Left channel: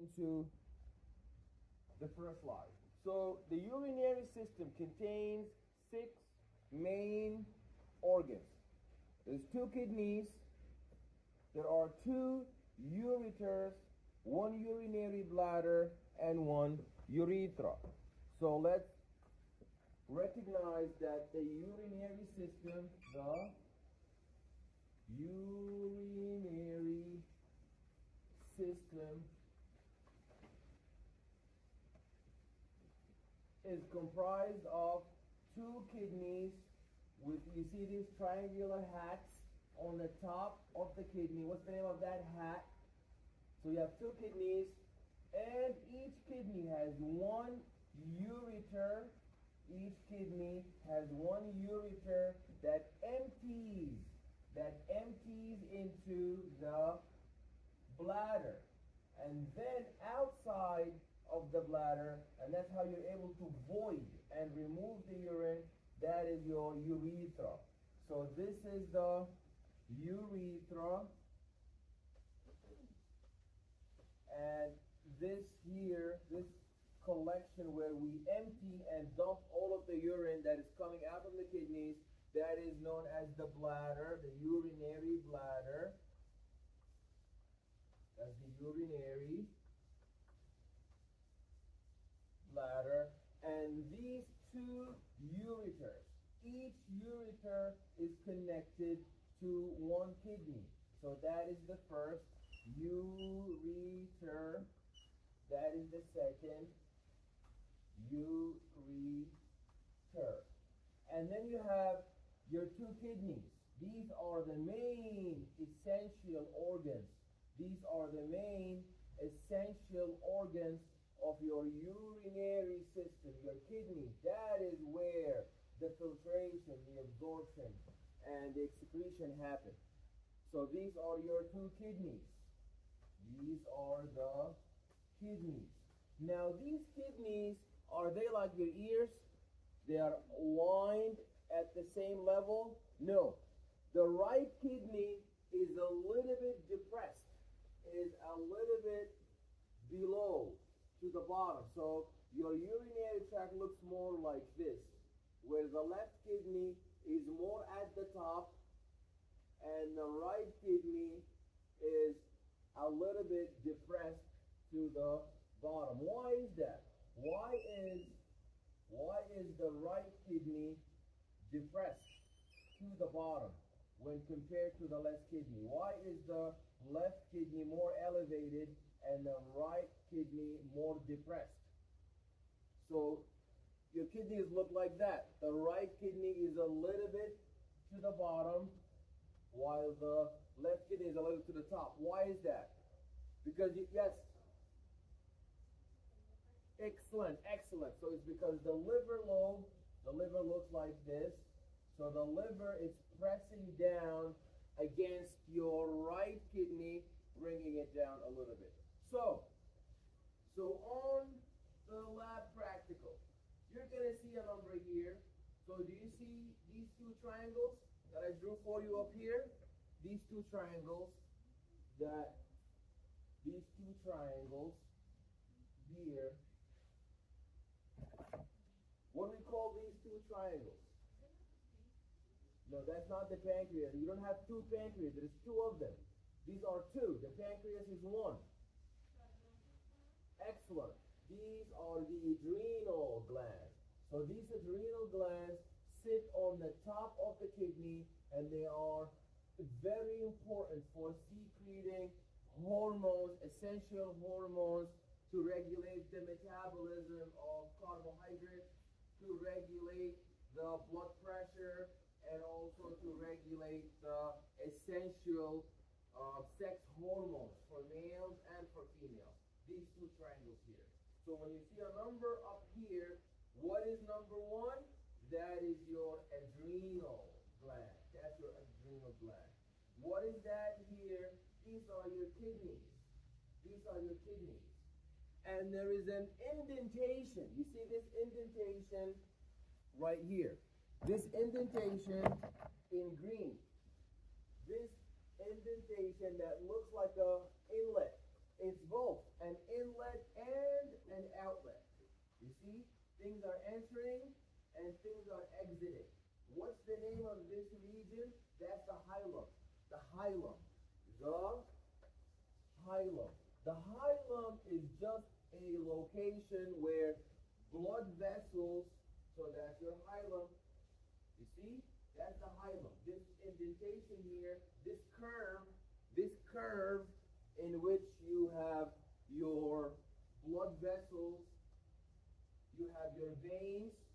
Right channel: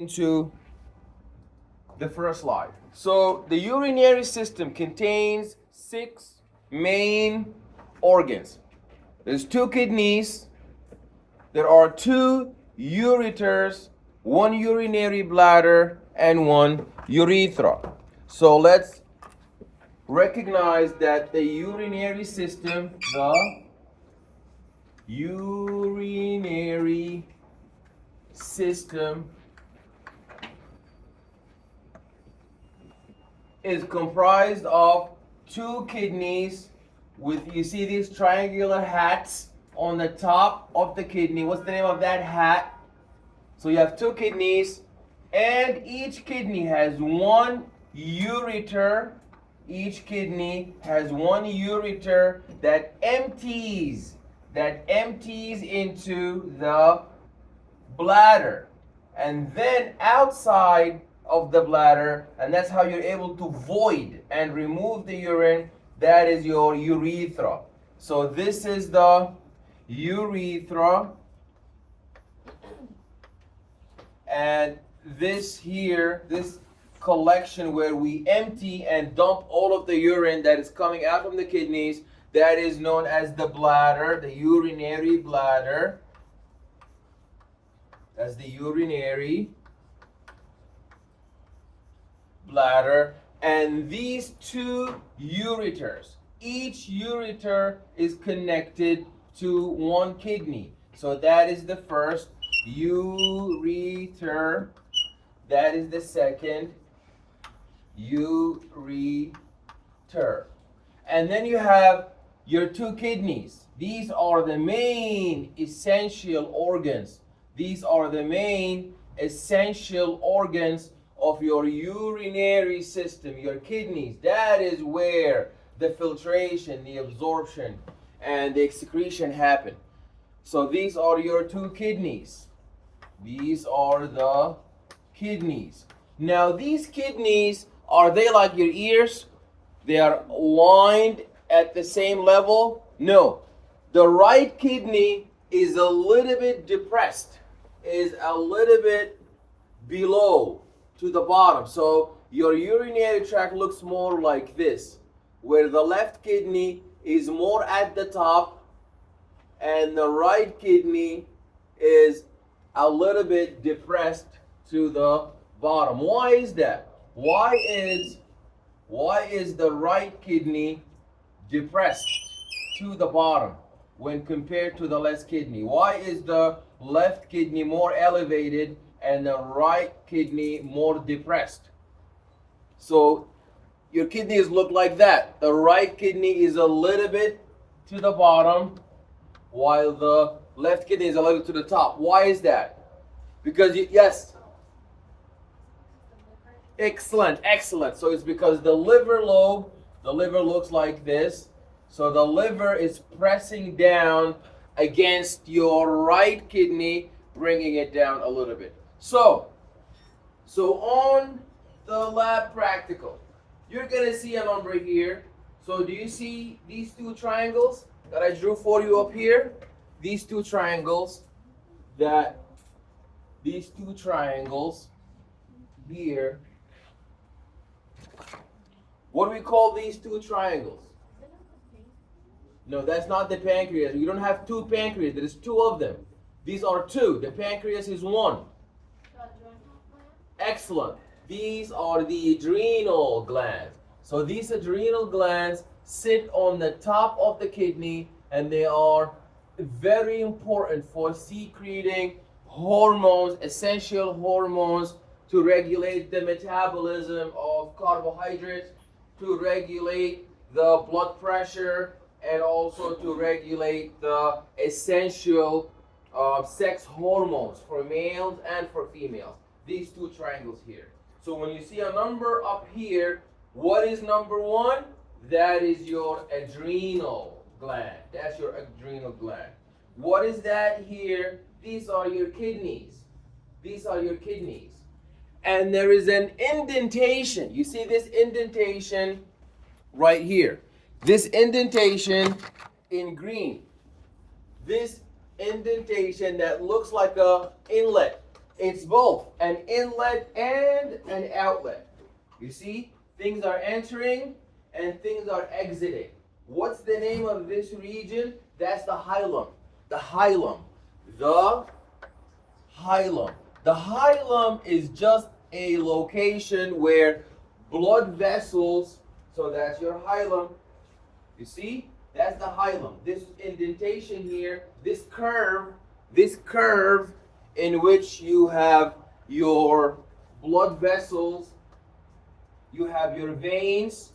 into the first slide. So the urinary system contains 6 main organs. There's 2 kidneys, there are 2 ureters, 1 urinary bladder, and 1 urethra. So let's recognize that the urinary system, is comprised of 2 kidneys with, you see these triangular hats on the top of the kidney. What's the name of that hat? So you have 2 kidneys, and each kidney has 1 ureter. Each kidney has 1 ureter that empties into the bladder, and then outside of the bladder, and that's how you're able to void and remove the urine. That is your urethra. So this is the urethra, and this here, this collection where we empty and dump all of the urine that is coming out from the kidneys, that is known as the bladder, the urinary bladder. That's the urinary bladder. And these 2 ureters, each ureter is connected to 1 kidney. So that is the first ureter. That is the second ureter. And then you have your 2 kidneys. These are the main essential organs. These are the main essential organs of your urinary system, your kidneys. That is where the filtration, the absorption, and the excretion happen. So these are your 2 kidneys. These are the kidneys. Now these kidneys, are they like your ears? They are lined at the same level? No. The right kidney is a little bit depressed, is a little bit below to the bottom. So your urinary tract looks more like this, where the left kidney is more at the top and the right kidney is a little bit depressed to the bottom. Why is that? Why is the right kidney depressed to the bottom when compared to the left kidney? Why is the left kidney more elevated and the right kidney more depressed? So your kidneys look like that. The right kidney is a little bit to the bottom while the left kidney is a little to the top. Why is that? Because yes. Excellent. So it's because the liver looks like this. So the liver is pressing down against your right kidney, bringing it down a little bit. So on the lab practical, you're gonna see a number here. So do you see these 2 triangles that I drew for you up here? These 2 triangles here. What do we call these 2 triangles? No, that's not the pancreas. You don't have 2 pancreas. There is 2 of them. These are 2. The pancreas is 1. Excellent. These are the adrenal glands. So these adrenal glands sit on the top of the kidney, and they are very important for secreting hormones, essential hormones, to regulate the metabolism of carbohydrates, to regulate the blood pressure, and also to regulate the essential sex hormones for males and for females. These 2 triangles here. So when you see a number up here, what is number 1? That is your adrenal gland. That's your adrenal gland. What is that here? These are your kidneys. These are your kidneys. And there is an indentation. You see this indentation right here. This indentation in green. This indentation that looks like a inlet It's both an inlet and an outlet. You see, things are entering and things are exiting. What's the name of this region? That's the hilum. The hilum. The hilum. The hilum is just a location where blood vessels, so that's your hilum. You see? That's the hilum. This indentation here, this curve in which you have your blood vessels, you have your veins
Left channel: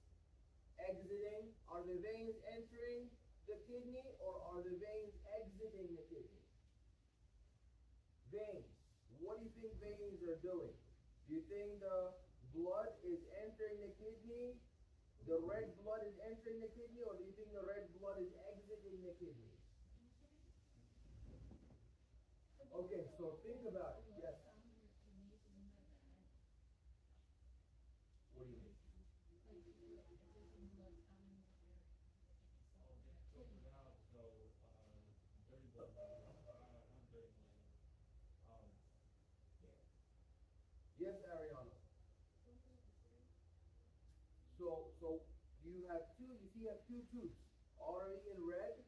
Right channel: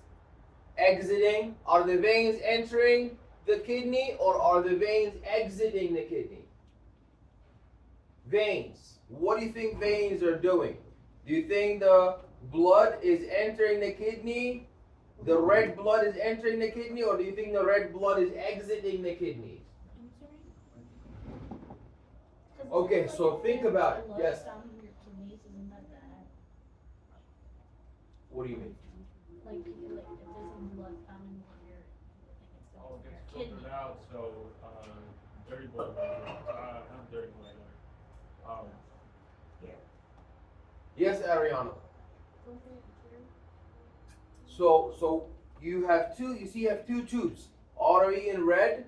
exiting. Are the veins entering the kidney or are the veins exiting the kidney? Veins. What do you think veins are doing? Do you think the blood is entering the kidney? The red blood is entering the kidney, or do you think the red blood is exiting the kidneys? Okay, so think about it. Yes. What do you mean? Like if there's some blood found in your Gets filtered out, so dirty blood, not dirty blood, Yes, Ariana. So you have two. You see, you have two tubes. Artery in red,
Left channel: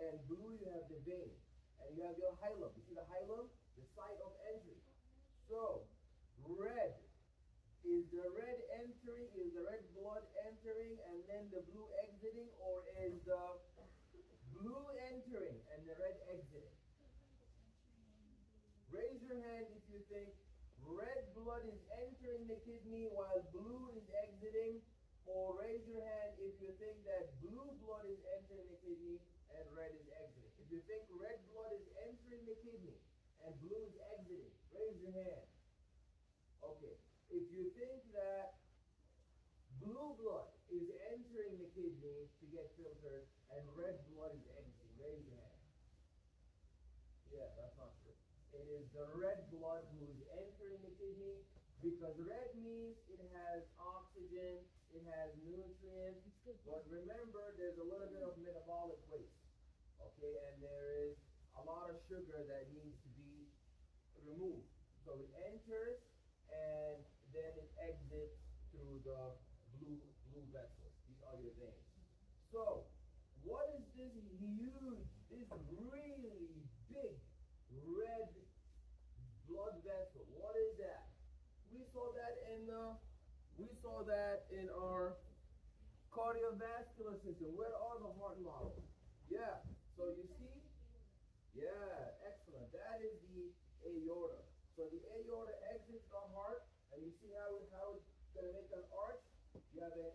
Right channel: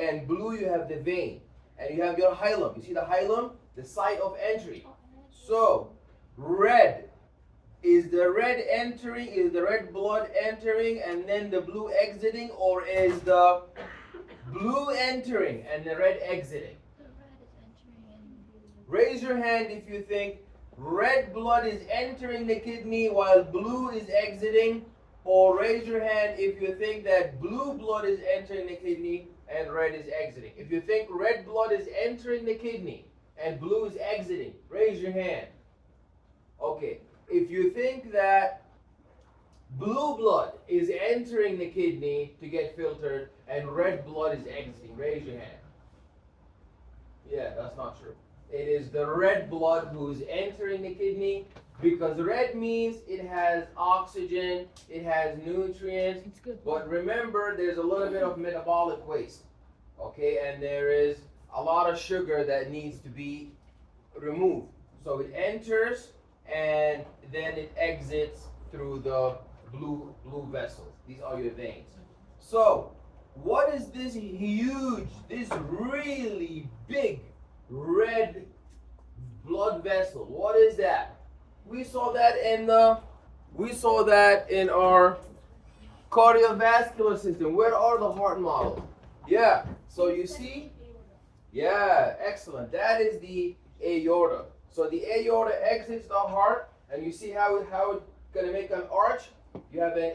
and blue. You have the vein, and you have your hilum. You see the hilum, the site of entry. So red. Is the red entering, is the red blood entering and then the blue exiting, or is the blue entering and the red exiting? The red is entering and blue. Raise your hand if you think red blood is entering the kidney while blue is exiting, or raise your hand if you think that blue blood is entering the kidney and red is exiting. If you think red blood is entering the kidney and blue is exiting, raise your hand. Okay. If you think that blue blood is entering the kidney to get filtered and red blood is exiting, raise your hand. Yeah, that's not true. It is the red blood who is entering the kidney, because red means it has oxygen, it has nutrients. It's good. But remember, there's a little bit of metabolic waste, okay? And there is a lot of sugar that needs to be removed. So it enters and then it exits through the blue vessels. These are your veins. So, what is this huge, this really big red blood vessel? What is that? We saw that in our cardiovascular system. Where are the heart models? Yeah. So you see? Yeah, excellent. That is the aorta. So the aorta exits the heart, and you see how it's gonna make an arch. You have this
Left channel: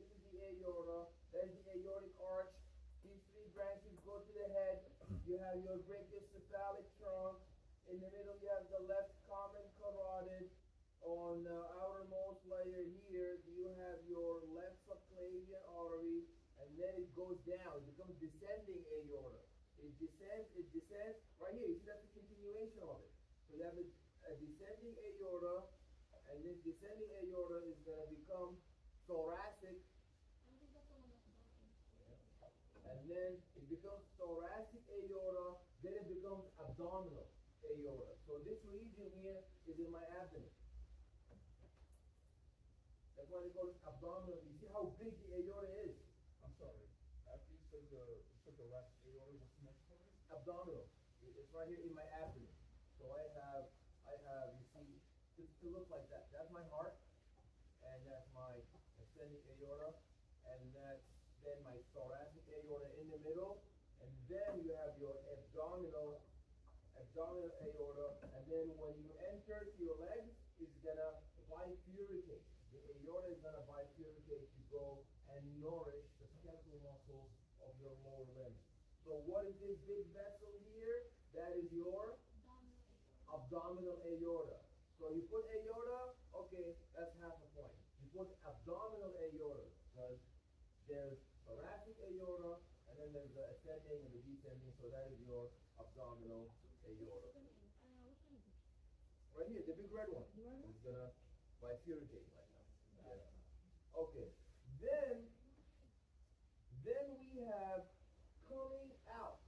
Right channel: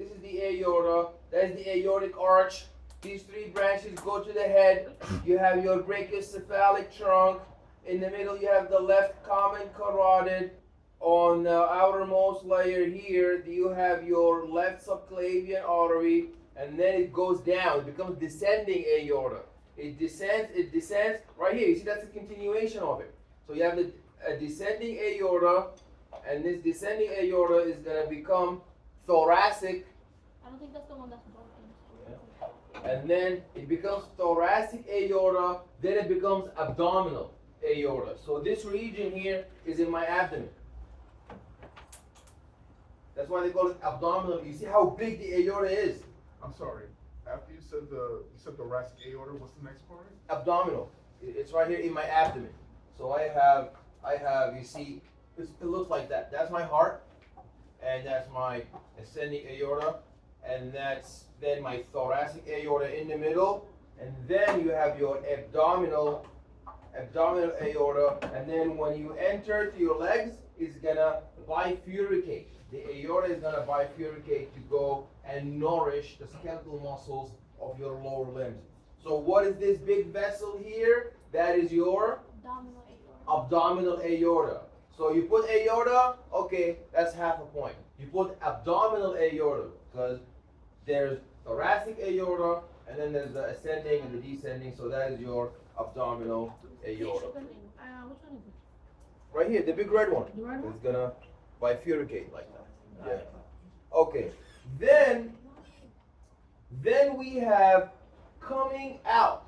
is the aorta, that's the aortic arch. These three branches go to the head. You have your brachiocephalic trunk. In the middle, you have the left common carotid. On the outermost layer here, you have your left subclavian artery, and then it goes down. It becomes descending aorta. It descends right here. You see, that's a continuation of it. So you have a descending aorta, and this descending aorta is going to become thoracic. I don't think that's the one that's broken. Yeah. And then it becomes thoracic aorta, then it becomes abdominal aorta. So this region here is in my abdomen. That's why they call it abdominal. You see how big the aorta is? I'm sorry. After you said thoracic aorta, what's the next part? Abdominal. It's right here in my abdomen. So I have, you see, it looks like that. That's my heart, and that's my ascending aorta, and that's then my thoracic aorta in the middle, and then you have your abdominal aorta, and then when you enter to your legs, it's gonna bifurcate. The aorta is gonna bifurcate to go and nourish the skeletal muscles of your lower limbs. So what is this big vessel here? That is your abdominal aorta. So you put aorta, okay, that's half a point. You put abdominal aorta, because there's thoracic aorta, and then there's the ascending and the descending, so that is your abdominal aorta. Which one is it? Right here, the big red one. The red one? It's gonna bifurcate like that. Yeah. Okay. Then we have coming out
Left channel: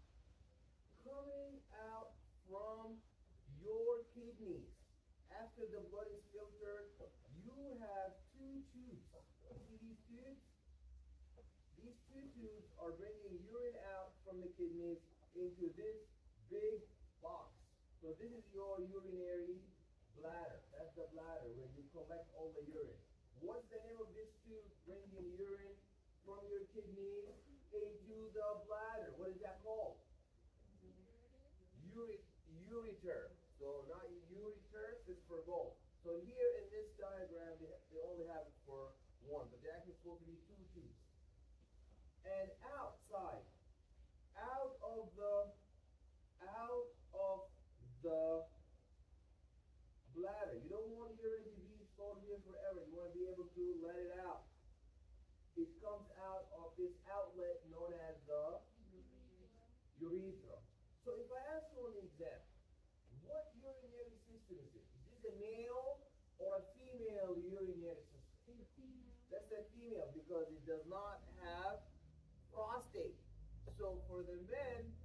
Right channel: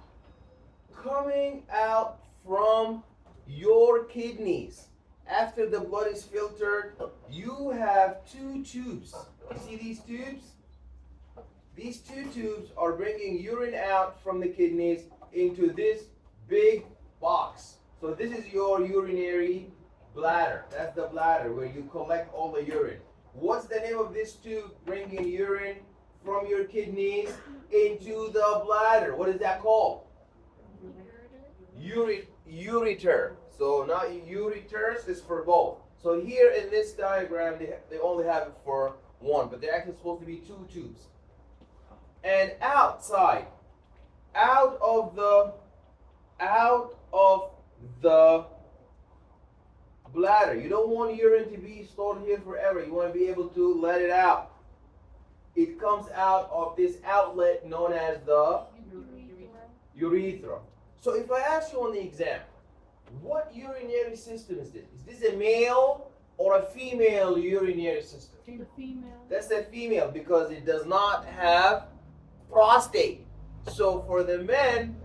from your kidneys, after the blood is filtered, you have two tubes. You see these tubes? These two tubes are bringing urine out from the kidneys into this big box. So this is your urinary bladder. That's the bladder where you collect all the urine. What's the name of this tube bringing urine from your kidneys into the bladder? What is that called? Ureter. So now ureters is for both. So here in this diagram, they only have it for one, but they're actually supposed to be two tubes. And outside, out of the bladder. You don't want urine to be stored here forever. You want to be able to let it out. It comes out of this outlet known as the urethra. So if I ask you on the exam, what urinary system is this? Is this a male or a female urinary system? The female. That's a female because it does not have prostate. So for the men,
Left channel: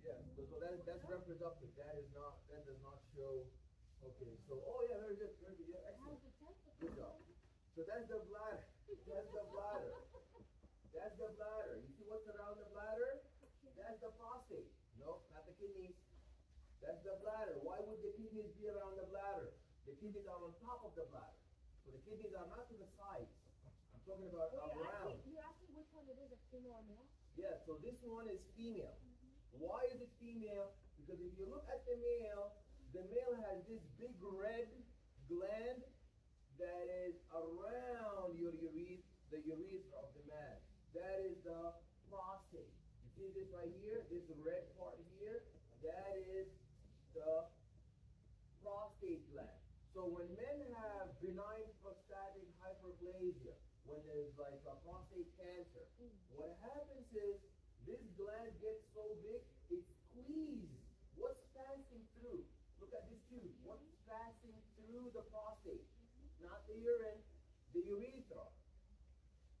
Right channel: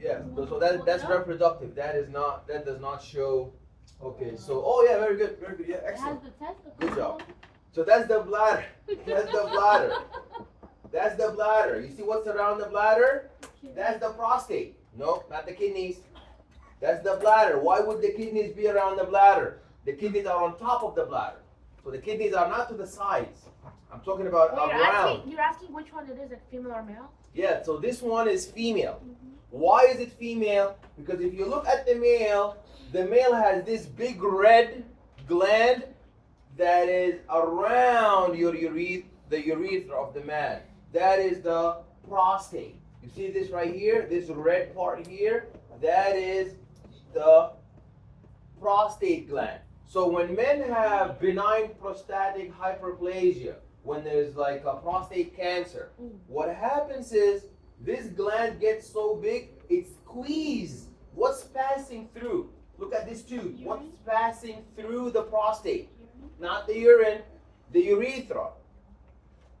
yeah, so that's reproductive. That does not show. Okay, so oh yeah, very good, yeah, excellent. It has the testicles. Good job. So that's the bladder. That's the bladder. That's the bladder. You see what's around the bladder? That's the prostate. No, not the kidneys. That's the bladder. Why would the kidneys be around the bladder? The kidneys are on top of the bladder. So the kidneys are not to the sides. I'm talking about around. You're asking which one it is, like female or male? Yeah, so this one is female. Why is it female? Because if you look at the male has this big red gland that is around the urethra of the man. That is the prostate. You see this right here? This red part here? That is the prostate gland. So when men have benign prostatic hyperplasia, when there's like a prostate cancer, what happens is this gland gets so big, it squeezes. What's passing through? Look at this tube. What's passing through the prostate? Not the urine, the urethra.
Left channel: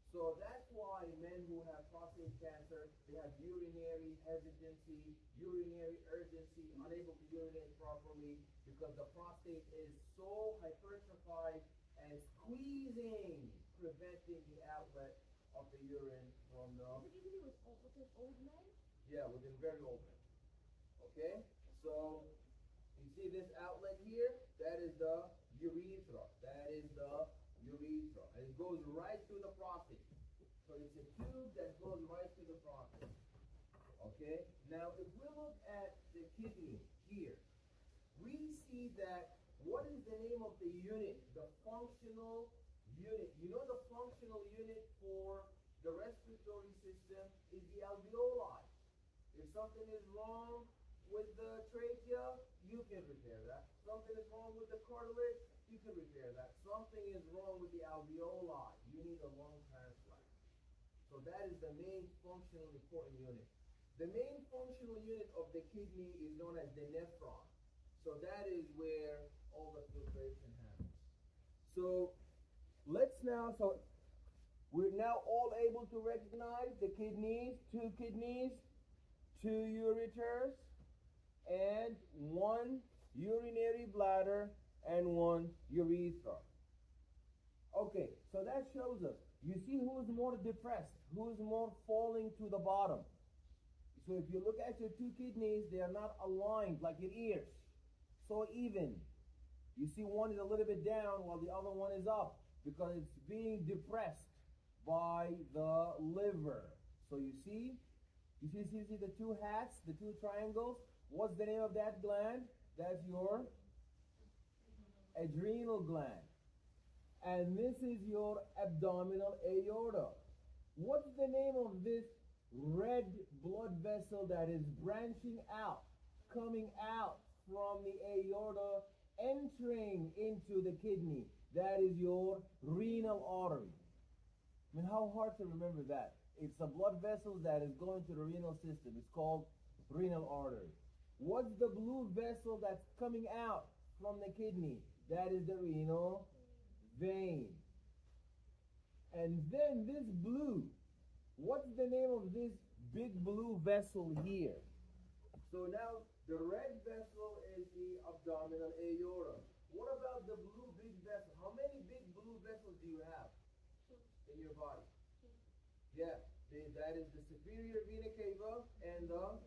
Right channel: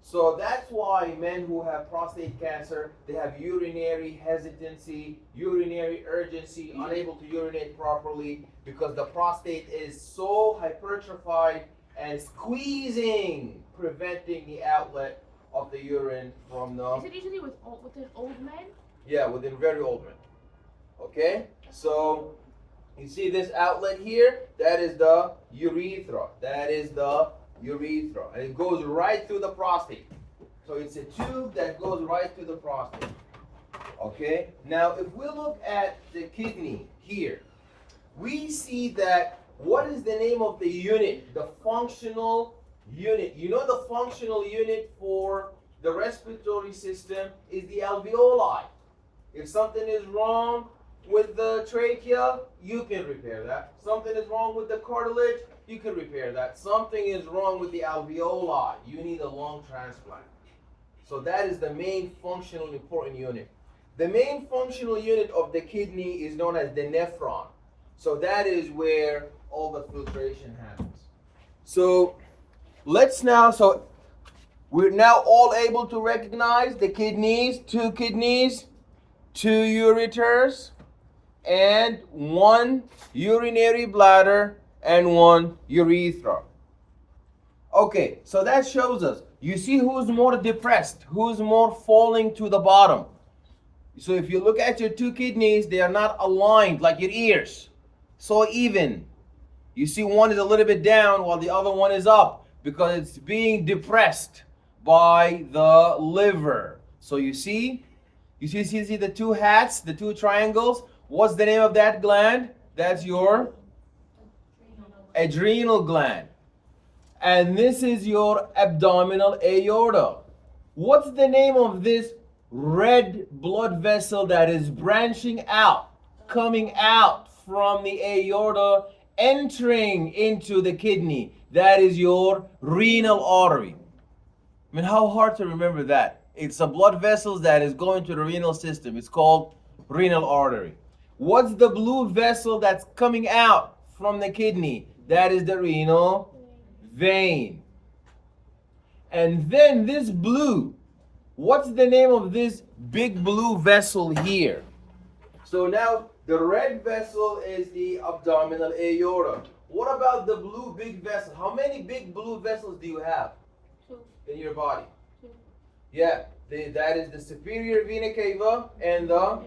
So that's why men who have prostate cancer, they have urinary hesitancy, urinary urgency, unable to urinate properly because the prostate is so hypertrophied and squeezing, preventing the outlet of the urine from the... Is it usually within old men? Yeah, within very old men. Okay? So, you see this outlet here? That is the urethra. That is the urethra. And it goes right through the prostate. So it's a tube that goes right through the prostate. Okay? Now, if we look at the kidney here, we see that what is the name of the unit? The functional unit. You know the functional unit for the respiratory system is the alveoli. If something is wrong with the trachea, you can repair that. Something is wrong with the cartilage, you can repair that. Something is wrong with the alveoli, you need a lung transplant. So that is the main functional important unit. The main functional unit of the kidney is known as the nephron. So that is where all the filtration happens. So we're now all able to recognize the kidneys, two ureters, and one urinary bladder and one urethra. Okay, so that shows us. You see who's more depressed, who's more falling to the bottom. So if you look at your two kidneys, they are not aligned like your ears. So even. You see one is a little bit down while the other one is up because it's being depressed by the liver. So you see the two hats, the two triangles. What's the name of that gland? That's your adrenal gland. And this is your abdominal aorta. What's the name of this red blood vessel that is branching out, coming out from the aorta, entering into the kidney? That is your renal artery. I mean, how hard to remember that? It's a blood vessel that is going to the renal system. It's called renal artery. What's the blue vessel that's coming out from the kidney? That is the renal vein. And then this blue, what's the name of this big blue vessel here? So now The red vessel is the abdominal aorta. What about the blue big vessel? How many big blue vessels do you have Two. in your body? Two. Yeah, that is the superior vena cava and the.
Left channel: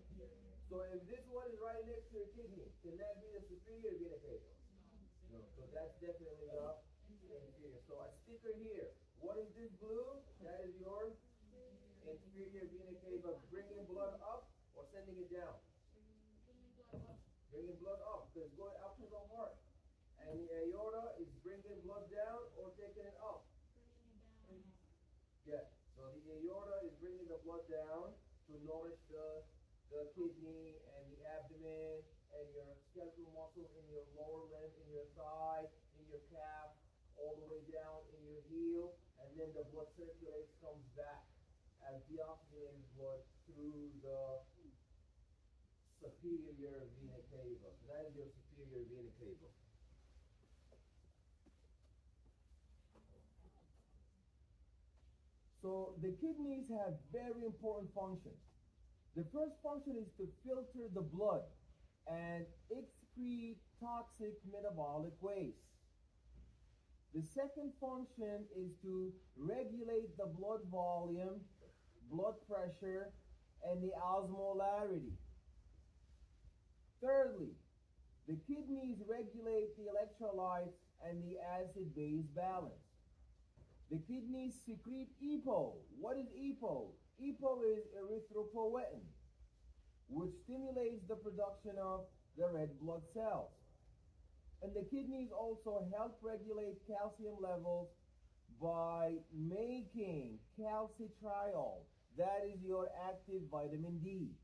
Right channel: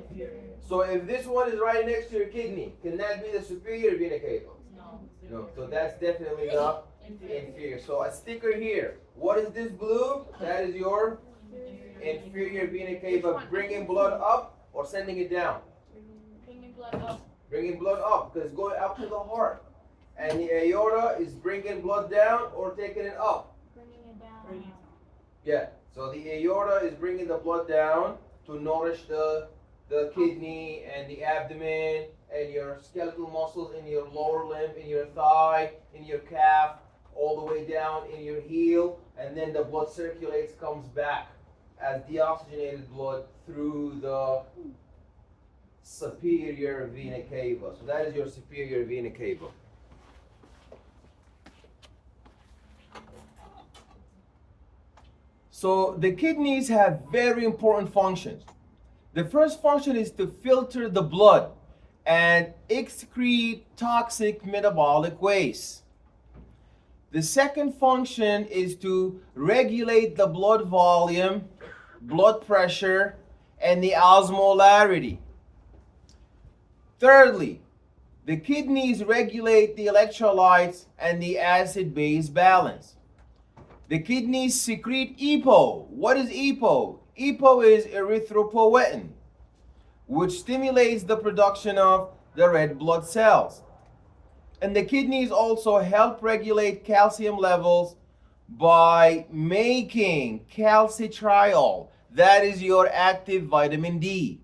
So if this one is right next to your kidney, can that be the superior vena cava? No. No. So that's definitely the inferior. So a sticker here. What is this blue? That is your inferior vena cava, bringing blood up or sending it down. Bringing blood up. Bringing blood up because it's going up to the heart. And the aorta is bringing blood down or taking it up. Bringing it down. Yeah. So the aorta is bringing the blood down to nourish the kidney and the abdomen and your skeletal muscles in your lower limb, in your thigh, in your calf, all the way down in your heel, and then the blood circulates, comes back as deoxygenated blood through the superior vena cava. So that is your superior vena cava. So the kidneys have very important functions. The first function is to filter the blood and excrete toxic metabolic waste. The second function is to regulate the blood volume, blood pressure, and the osmolarity. Thirdly, the kidneys regulate the electrolytes and the acid-base balance. The kidneys secrete EPO. What is EPO? EPO is erythropoietin, which stimulates the production of the red blood cells. And the kidneys also help regulate calcium levels by making calcitriol. That is your active vitamin D.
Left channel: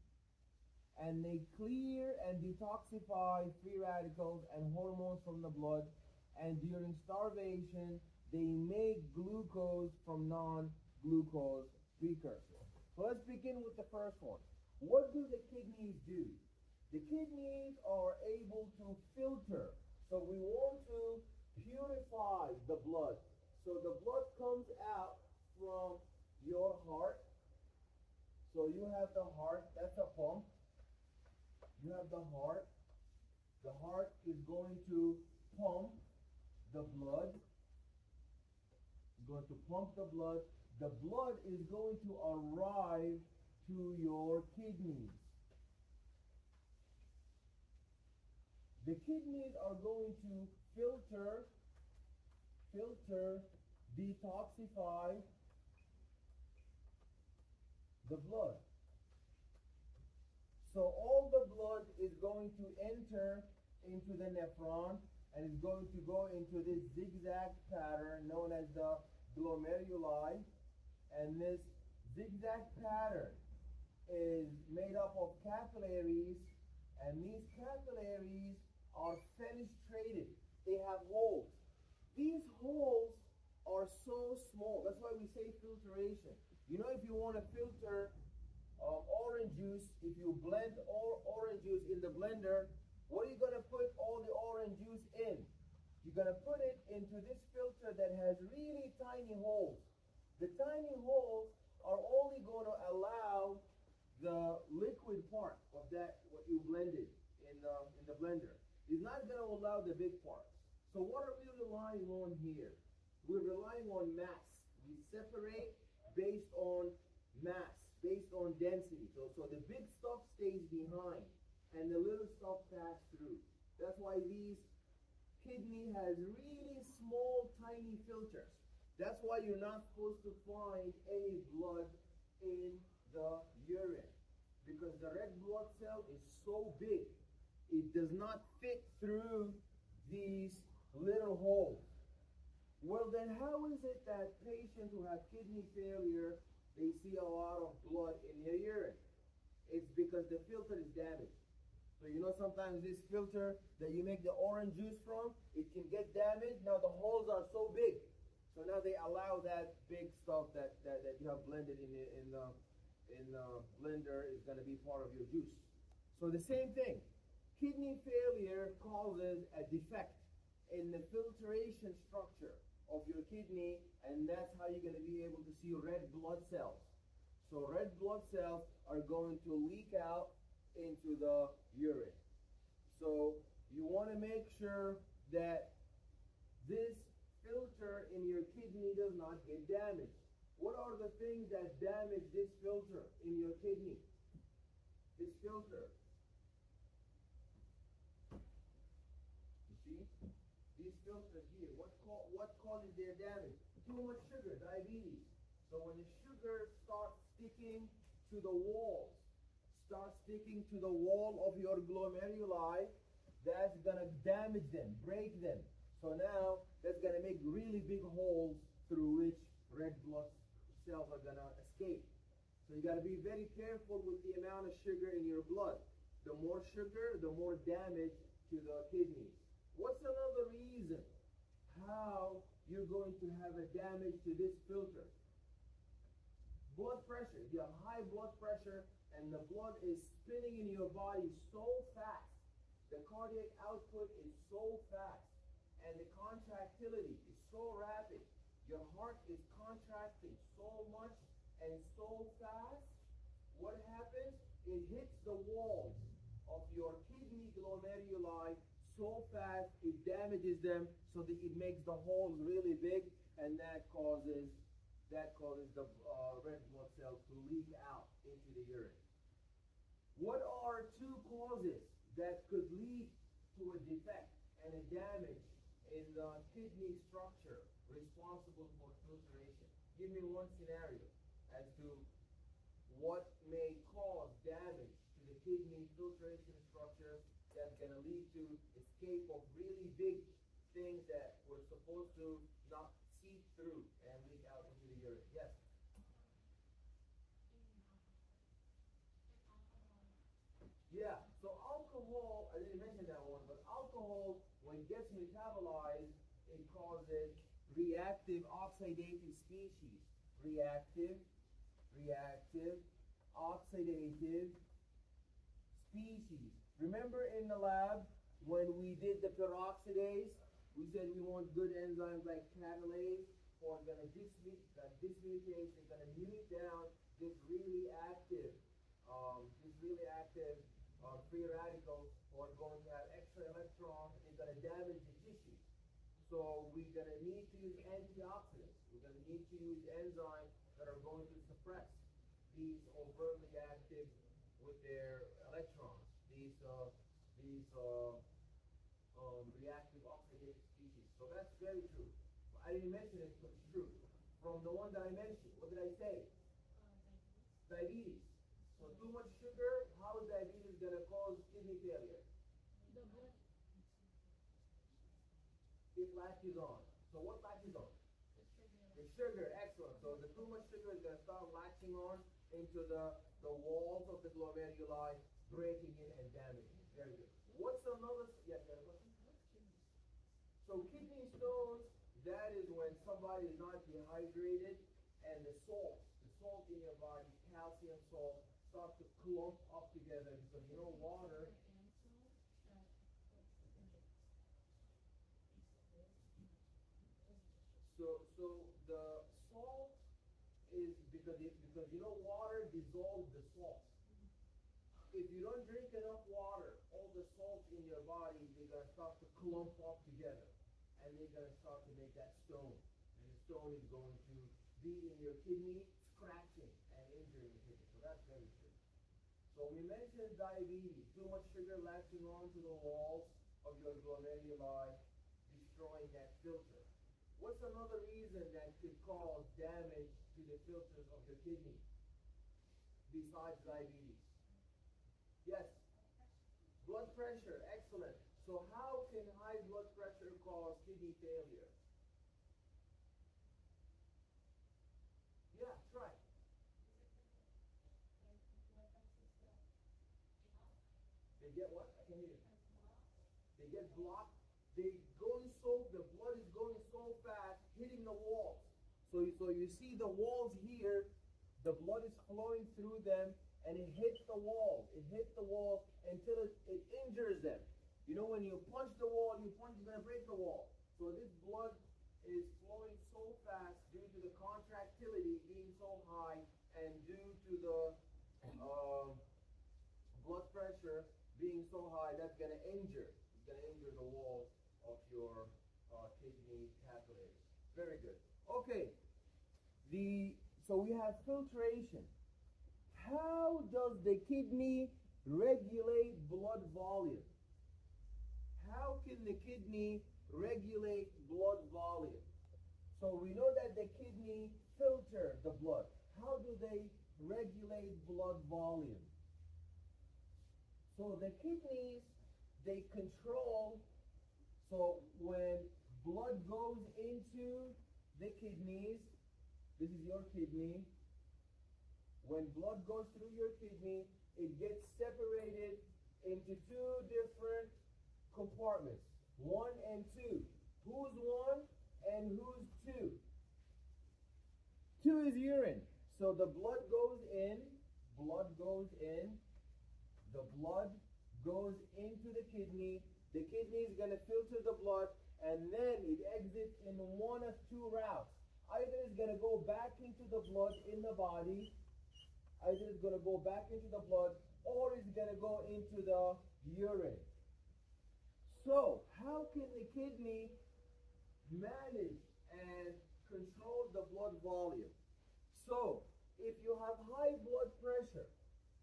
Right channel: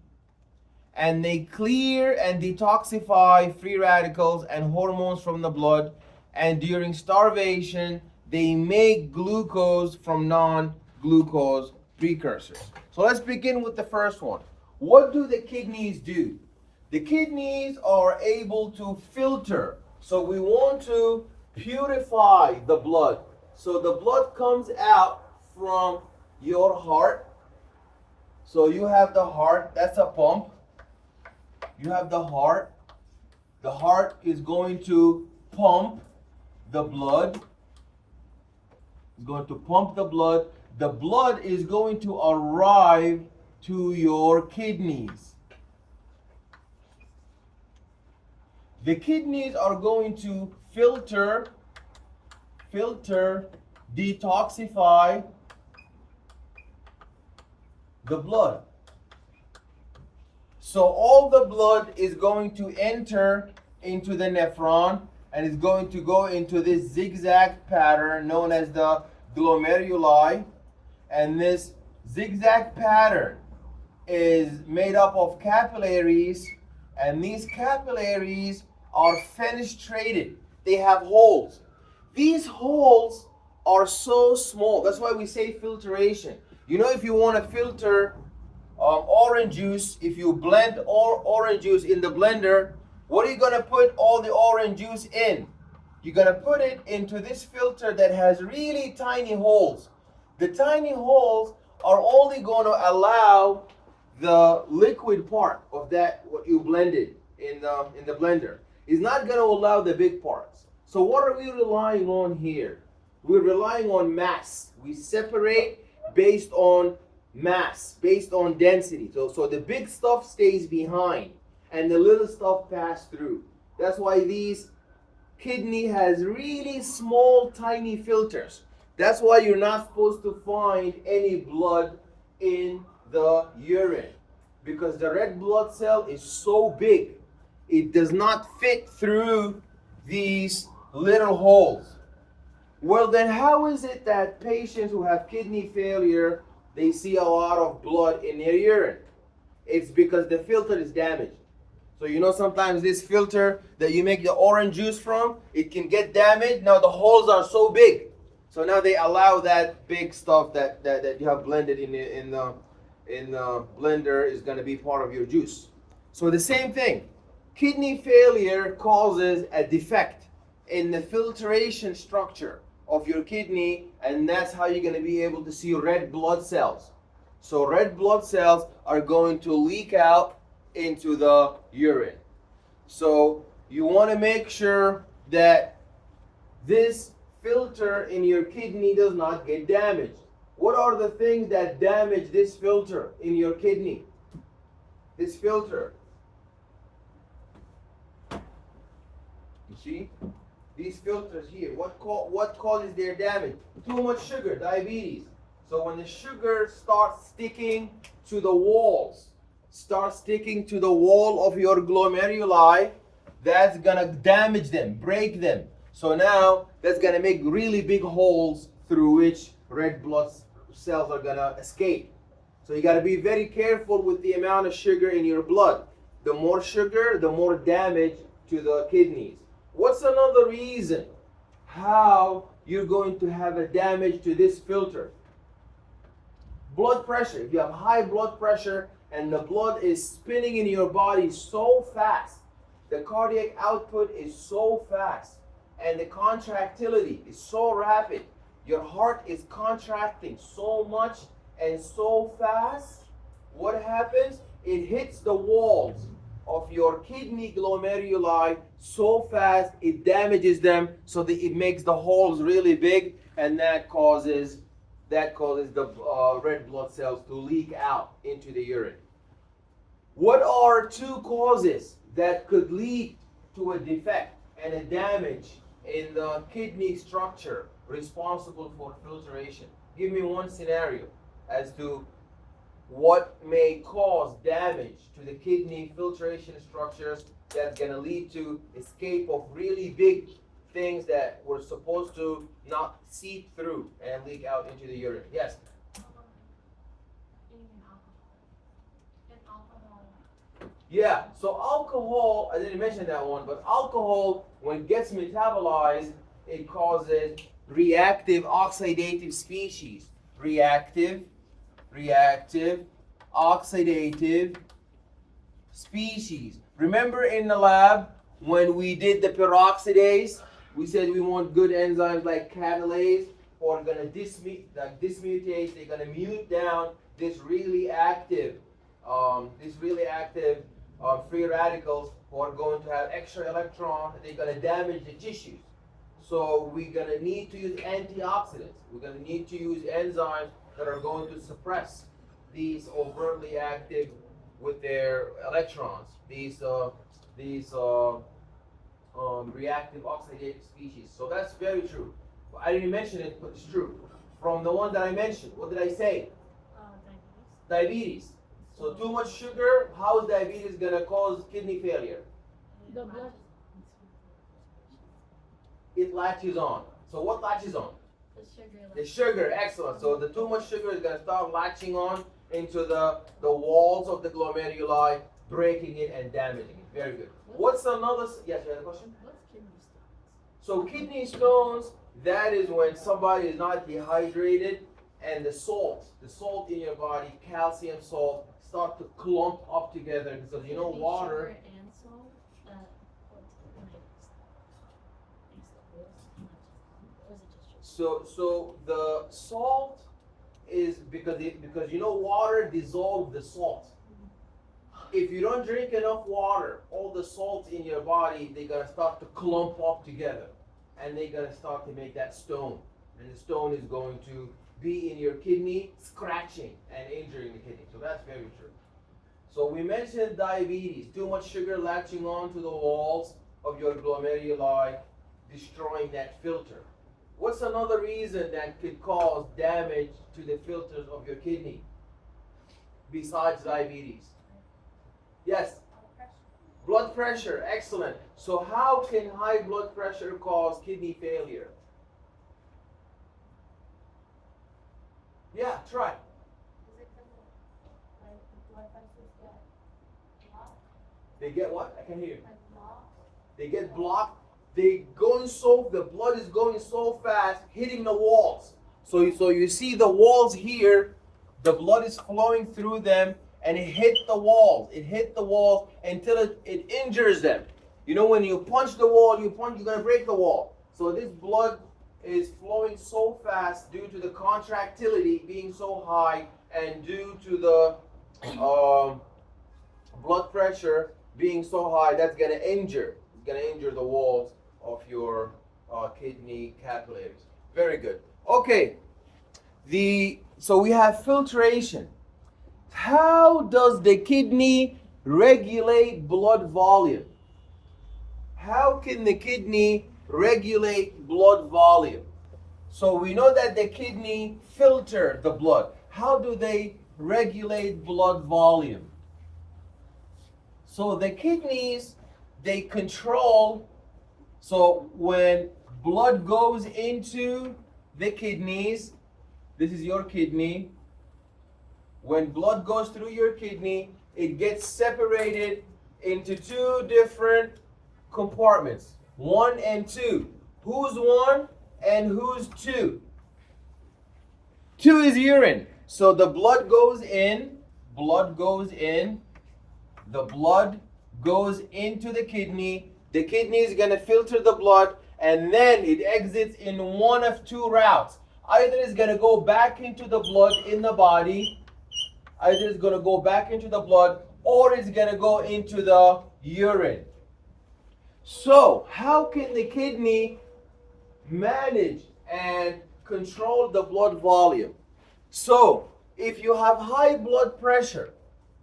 And they clear and detoxify free radicals and hormones from the blood. And during starvation, they make glucose from non-glucose precursors. So let's begin with the first one. What do the kidneys do? The kidneys are able to filter. So we want to purify the blood. So the blood comes out from your heart. So you have the heart, that's a pump. You have the heart. The heart is going to pump the blood. It's going to pump the blood. The blood is going to arrive to your kidneys. The kidneys are going to filter, detoxify the blood. So all the blood is going to enter into the nephron and is going to go into this zigzag pattern known as the glomeruli. And this zigzag pattern is made up of capillaries, and these capillaries are fenestrated. They have holes. These holes are so small. That's why we say filtration. You know, if you want to filter orange juice, if you blend orange juice in the blender, what are you going to put all the orange juice in? You're going to put it into this filter that has really tiny holes. The tiny holes are only going to allow the liquid part of that, what you blended in the blender. It's not going to allow the big parts. So what are we relying on here? We're relying on mass. We separate based on mass, based on density. So the big stuff stays behind and the little stuff pass through. That's why these kidney has really small, tiny filters. That's why you're not supposed to find any blood in the urine, because the red blood cell is so big, it does not fit through these little holes. Well, then how is it that patients who have kidney failure, they see a lot of blood in their urine? It's because the filter is damaged. So you know, sometimes this filter that you make the orange juice from, it can get damaged. Now the holes are so big, so now they allow that big stuff that you have blended in the blender is going to be part of your juice. So the same thing, kidney failure causes a defect in the filtration structure of your kidney, and that's how you're going to be able to see red blood cells. So red blood cells are going to leak out into the urine. So you want to make sure that this filter in your kidney does not get damaged. What are the things that damage this filter in your kidney? This filter. You see? These filters here, what causes their damage? Too much sugar, diabetes. So when the sugar starts sticking to the walls, starts sticking to the wall of your glomeruli, that's gonna damage them, break them. So now that's gonna make really big holes through which red blood cells are gonna escape. So you gotta be very careful with the amount of sugar in your blood. The more sugar, the more damage to the kidneys. What's another reason how you're going to have a damage to this filter? Blood pressure. If you have high blood pressure and the blood is spinning in your body so fast, the cardiac output is so fast, and the contractility is so rapid, your heart is contracting so much and so fast, what happens? It hits the walls of your kidney glomeruli so fast it damages them, so that it makes the holes really big, and that causes the red blood cells to leak out into the urine. What are two causes that could lead to a defect and a damage in the kidney structure responsible for filtration? Give me one scenario as to what may cause damage to the kidney filtration structures that's going to lead to escape of really big things that were supposed to not seep through and leak out into the urine. Yes? Yeah, so alcohol, I didn't mention that one, but alcohol, when it gets metabolized, it causes reactive oxidative species. Reactive oxidative species. Remember in the lab when we did the peroxidase, we said we want good enzymes like catalase, or gonna dismutate, they're gonna mute down this really active free radicals who are going to have extra electrons, they're gonna damage the tissues. So we're gonna need to use antioxidants. We're gonna need to use enzymes that are going to suppress these overtly active with their electrons, these reactive oxidative species. So that's very true. I didn't mention it, but it's true. From the one that I mentioned, what did I say? Diabetes. So too much sugar, how is diabetes gonna cause kidney failure? The blood. It latches on. So what latches on? The sugar. The sugar, excellent. So the too much sugar is going to start latching on into the walls of the glomeruli, breaking it and damaging it. Very good. What's another, yes, you had a question? What's kidney stones? So kidney stones, that is when somebody is not dehydrated and the salt in your body, calcium salt, start to clump up together because you know water. Sugar and salt, So the salt is because you know water dissolves the salt. If you don't drink enough water, all the salts in your body, they're gonna start to clump up together, and they're gonna start to make that stone, and the stone is going to be in your kidney, scratching and injuring the kidney. So that's very true. So we mentioned diabetes, too much sugar latching on to the walls of your glomeruli, destroying that filter. What's another reason that could cause damage to the filters of your kidney besides diabetes? Yes? Blood pressure, excellent. So how can high blood pressure cause kidney failure? Yeah, try. They get what? I can't hear you. They get blocked. The blood is going so fast, hitting the walls. So you see the walls here, the blood is flowing through them, and it hit the walls. It hit the walls until it injures them. You know, when you punch the wall, you're gonna break the wall. So this blood is flowing so fast due to the contractility being so high, and due to the blood pressure being so high, that's gonna injure. It's gonna injure the walls of your kidney capillaries. Very good. Okay. So we have filtration. How does the kidney regulate blood volume? How can the kidney regulate blood volume? So we know that the kidney filter the blood. How do they regulate blood volume? So the kidneys, they control, so when blood goes into the kidneys, this is your kidney. When blood goes through your kidney, it gets separated into two different compartments, 1 and 2. Who's 1 and who's 2? 2 is urine. So the blood goes in, the blood goes into the kidney. The kidney is going to filter the blood, and then it exits in one of two routes. Either it's going to go back into the blood in the body, or it's going to go into the urine. So, how can the kidney manage and control the blood volume? So, if you have high blood pressure,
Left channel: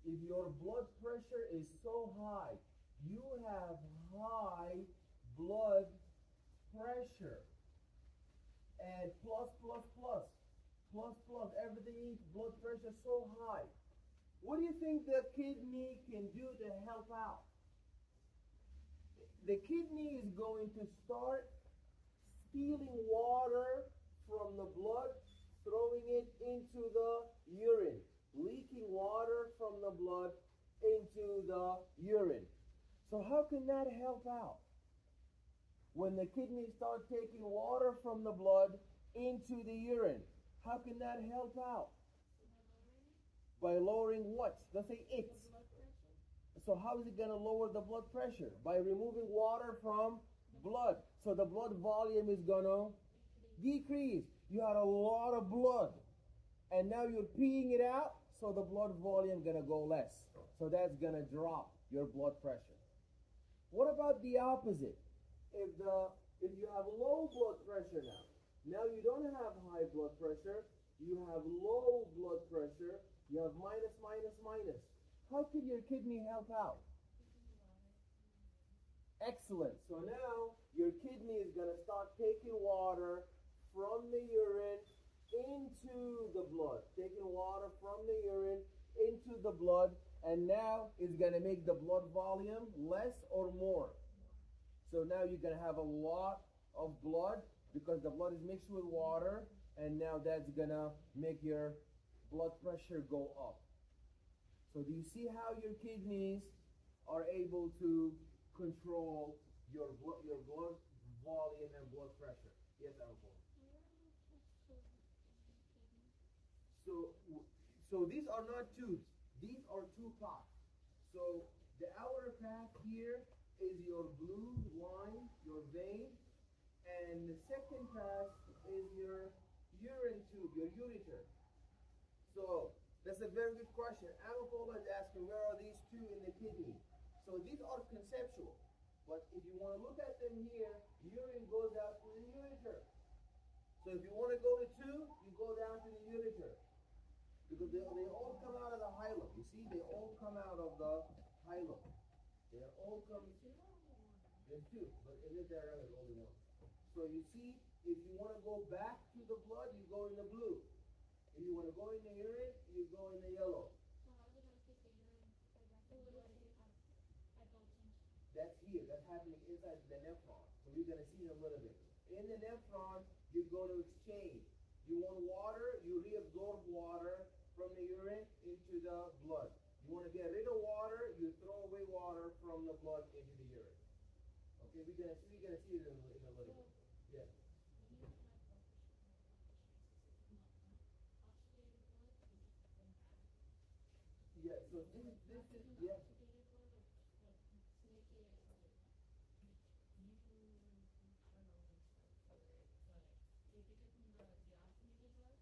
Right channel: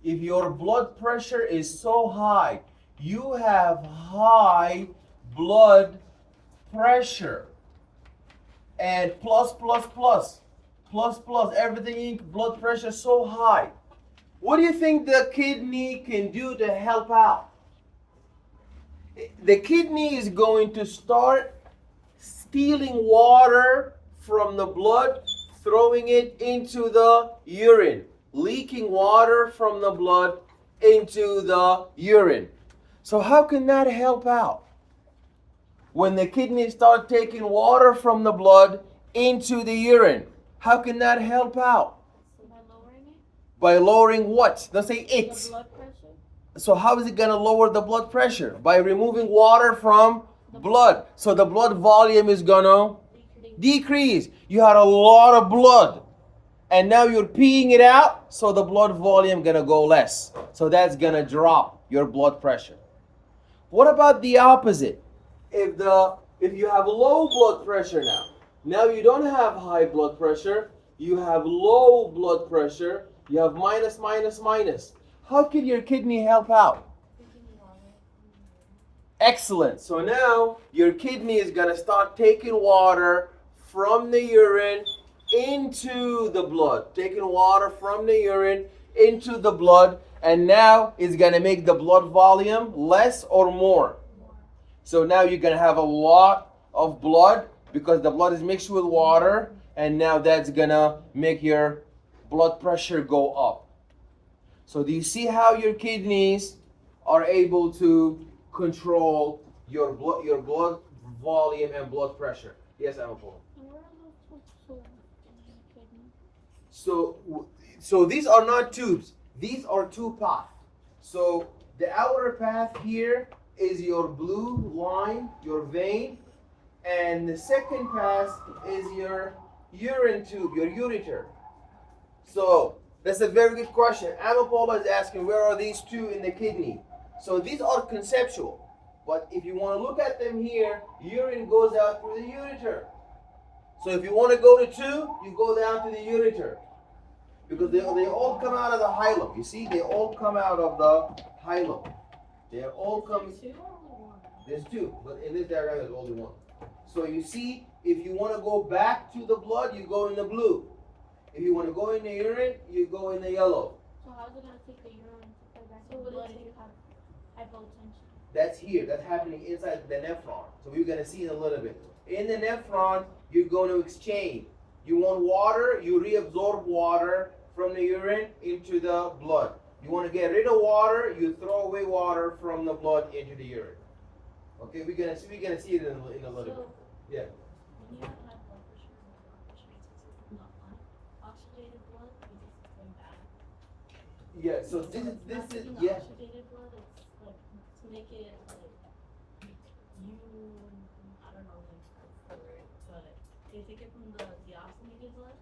if your blood pressure is so high, you have high blood pressure, and plus, everything, blood pressure so high. What do you think the kidney can do to help out? The kidney is going to start stealing water from the blood, throwing it into the urine, leaking water from the blood into the urine. So how can that help out? When the kidneys start taking water from the blood into the urine, how can that help out? So by lowering it? By lowering what? Don't say it. The blood pressure? So how is it going to lower the blood pressure? By removing water from blood. So the blood volume is going to decrease. You had a lot of blood, and now you're peeing it out, so the blood volume going to go less. So that's going to drop your blood pressure. What about the opposite? If you have low blood pressure now you don't have high blood pressure, you have low blood pressure, you have minus. How can your kidney help out? Excellent. So now your kidney is going to start taking water from the urine into the blood. Taking water from the urine into the blood, and now it's going to make the blood volume less or more. So now you're going to have a lot of blood because the blood is mixed with water, and now that's going to make your blood pressure go up. So do you see how your kidneys are able to control your blood volume and blood pressure? Yes, Amapol. Where are those tubes in the kidney? So these are not tubes. These are two paths. So the outer path here is your blue line, your vein, and the second path is your urine tube, your ureter. So that's a very good question. Amapola is asking, where are these two in the kidney? So these are conceptual. But if you want to look at them here, urine goes out through the ureter. So if you want to go to 2, you go down to the ureter. Because they all come out of the hilum. You see, they all come out of the hilum. They are all coming. There's 2, but in this diagram there's only 1. So you see, if you want to go back to the blood, you go in the blue. If you want to go in the urine, you go in the yellow. So how is it going to take the urine to play back to the blood if you have hypotension? That's here. That's happening inside the nephron. So we're going to see in a little bit. In the nephron, you're going to exchange. You want water, you reabsorb water from the urine into the blood. You want to get rid of water, you throw away water from the blood into the urine. Okay, we're gonna see it in a little bit. Yeah. When you have high blood pressure, the blood pressure is not oxygenated blood because it's going back. Yeah. So this is yeah. Oxygenated blood, it's like to make it like I don't know like what's the word, but they take it from the deoxygenated blood.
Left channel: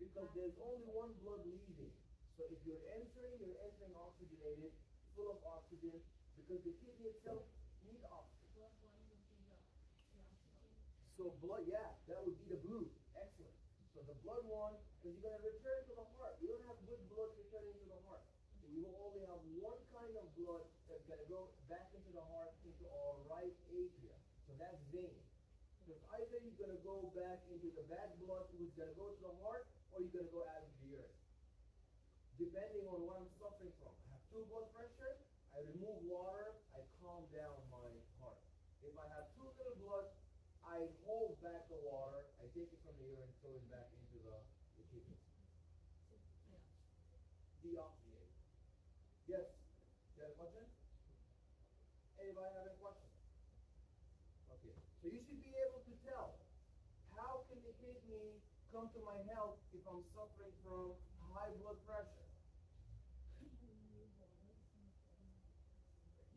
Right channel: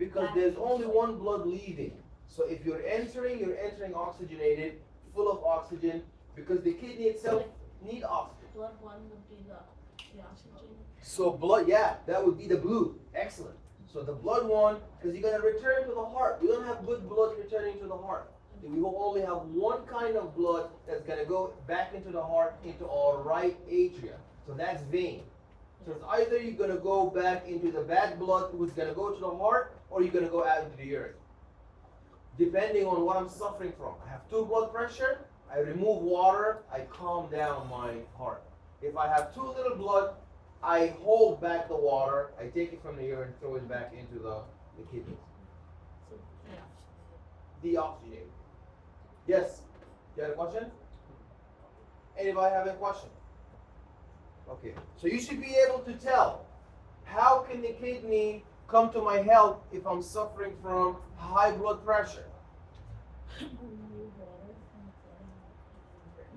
Because there's only one blood leaving. So if you're entering oxygenated, full of oxygen. because the kidney itself need oxygen. Blood one would be the oxygen. So blood, yeah, that would be the blue. Excellent. So the blood one, because you're gonna return to the heart. We don't have good blood returning to the heart. We will only have one kind of blood that's gonna go back into the heart, into our right atria. So that's vein. So it's either you're gonna go back into the bad blood, who's gonna go to the heart, or you're gonna go out into the urine. Depending on what I'm suffering from. I have 2 blood pressure, I remove water, I calm down my heart. If I have too little blood, I hold back the water, I take it from the urine, throw it back into the kidneys. So, yeah. Deoxygenated. Yes? You had a question? Anybody have a question? Okay. So you should be able to tell, how can the kidney come to my help if I'm suffering from high blood pressure?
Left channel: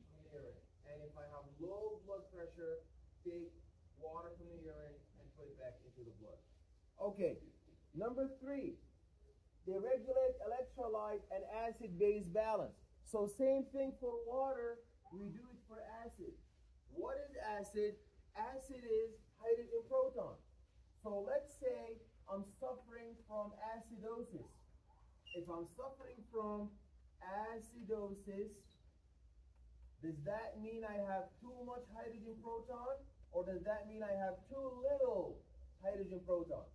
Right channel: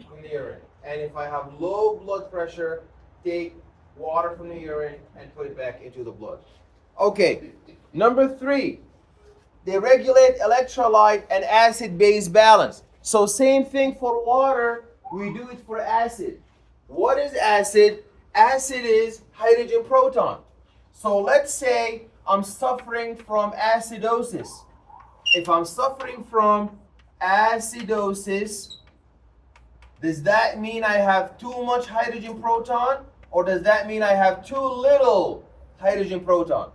From the urine. And if I have low blood pressure, take water from the urine and put it back into the blood. Okay. Number 3, they regulate electrolyte and acid-base balance. So same thing for water, we do it for acid. What is acid? Acid is hydrogen proton. So let's say I'm suffering from acidosis. If I'm suffering from acidosis, does that mean I have too much hydrogen proton, or does that mean I have too little hydrogen proton?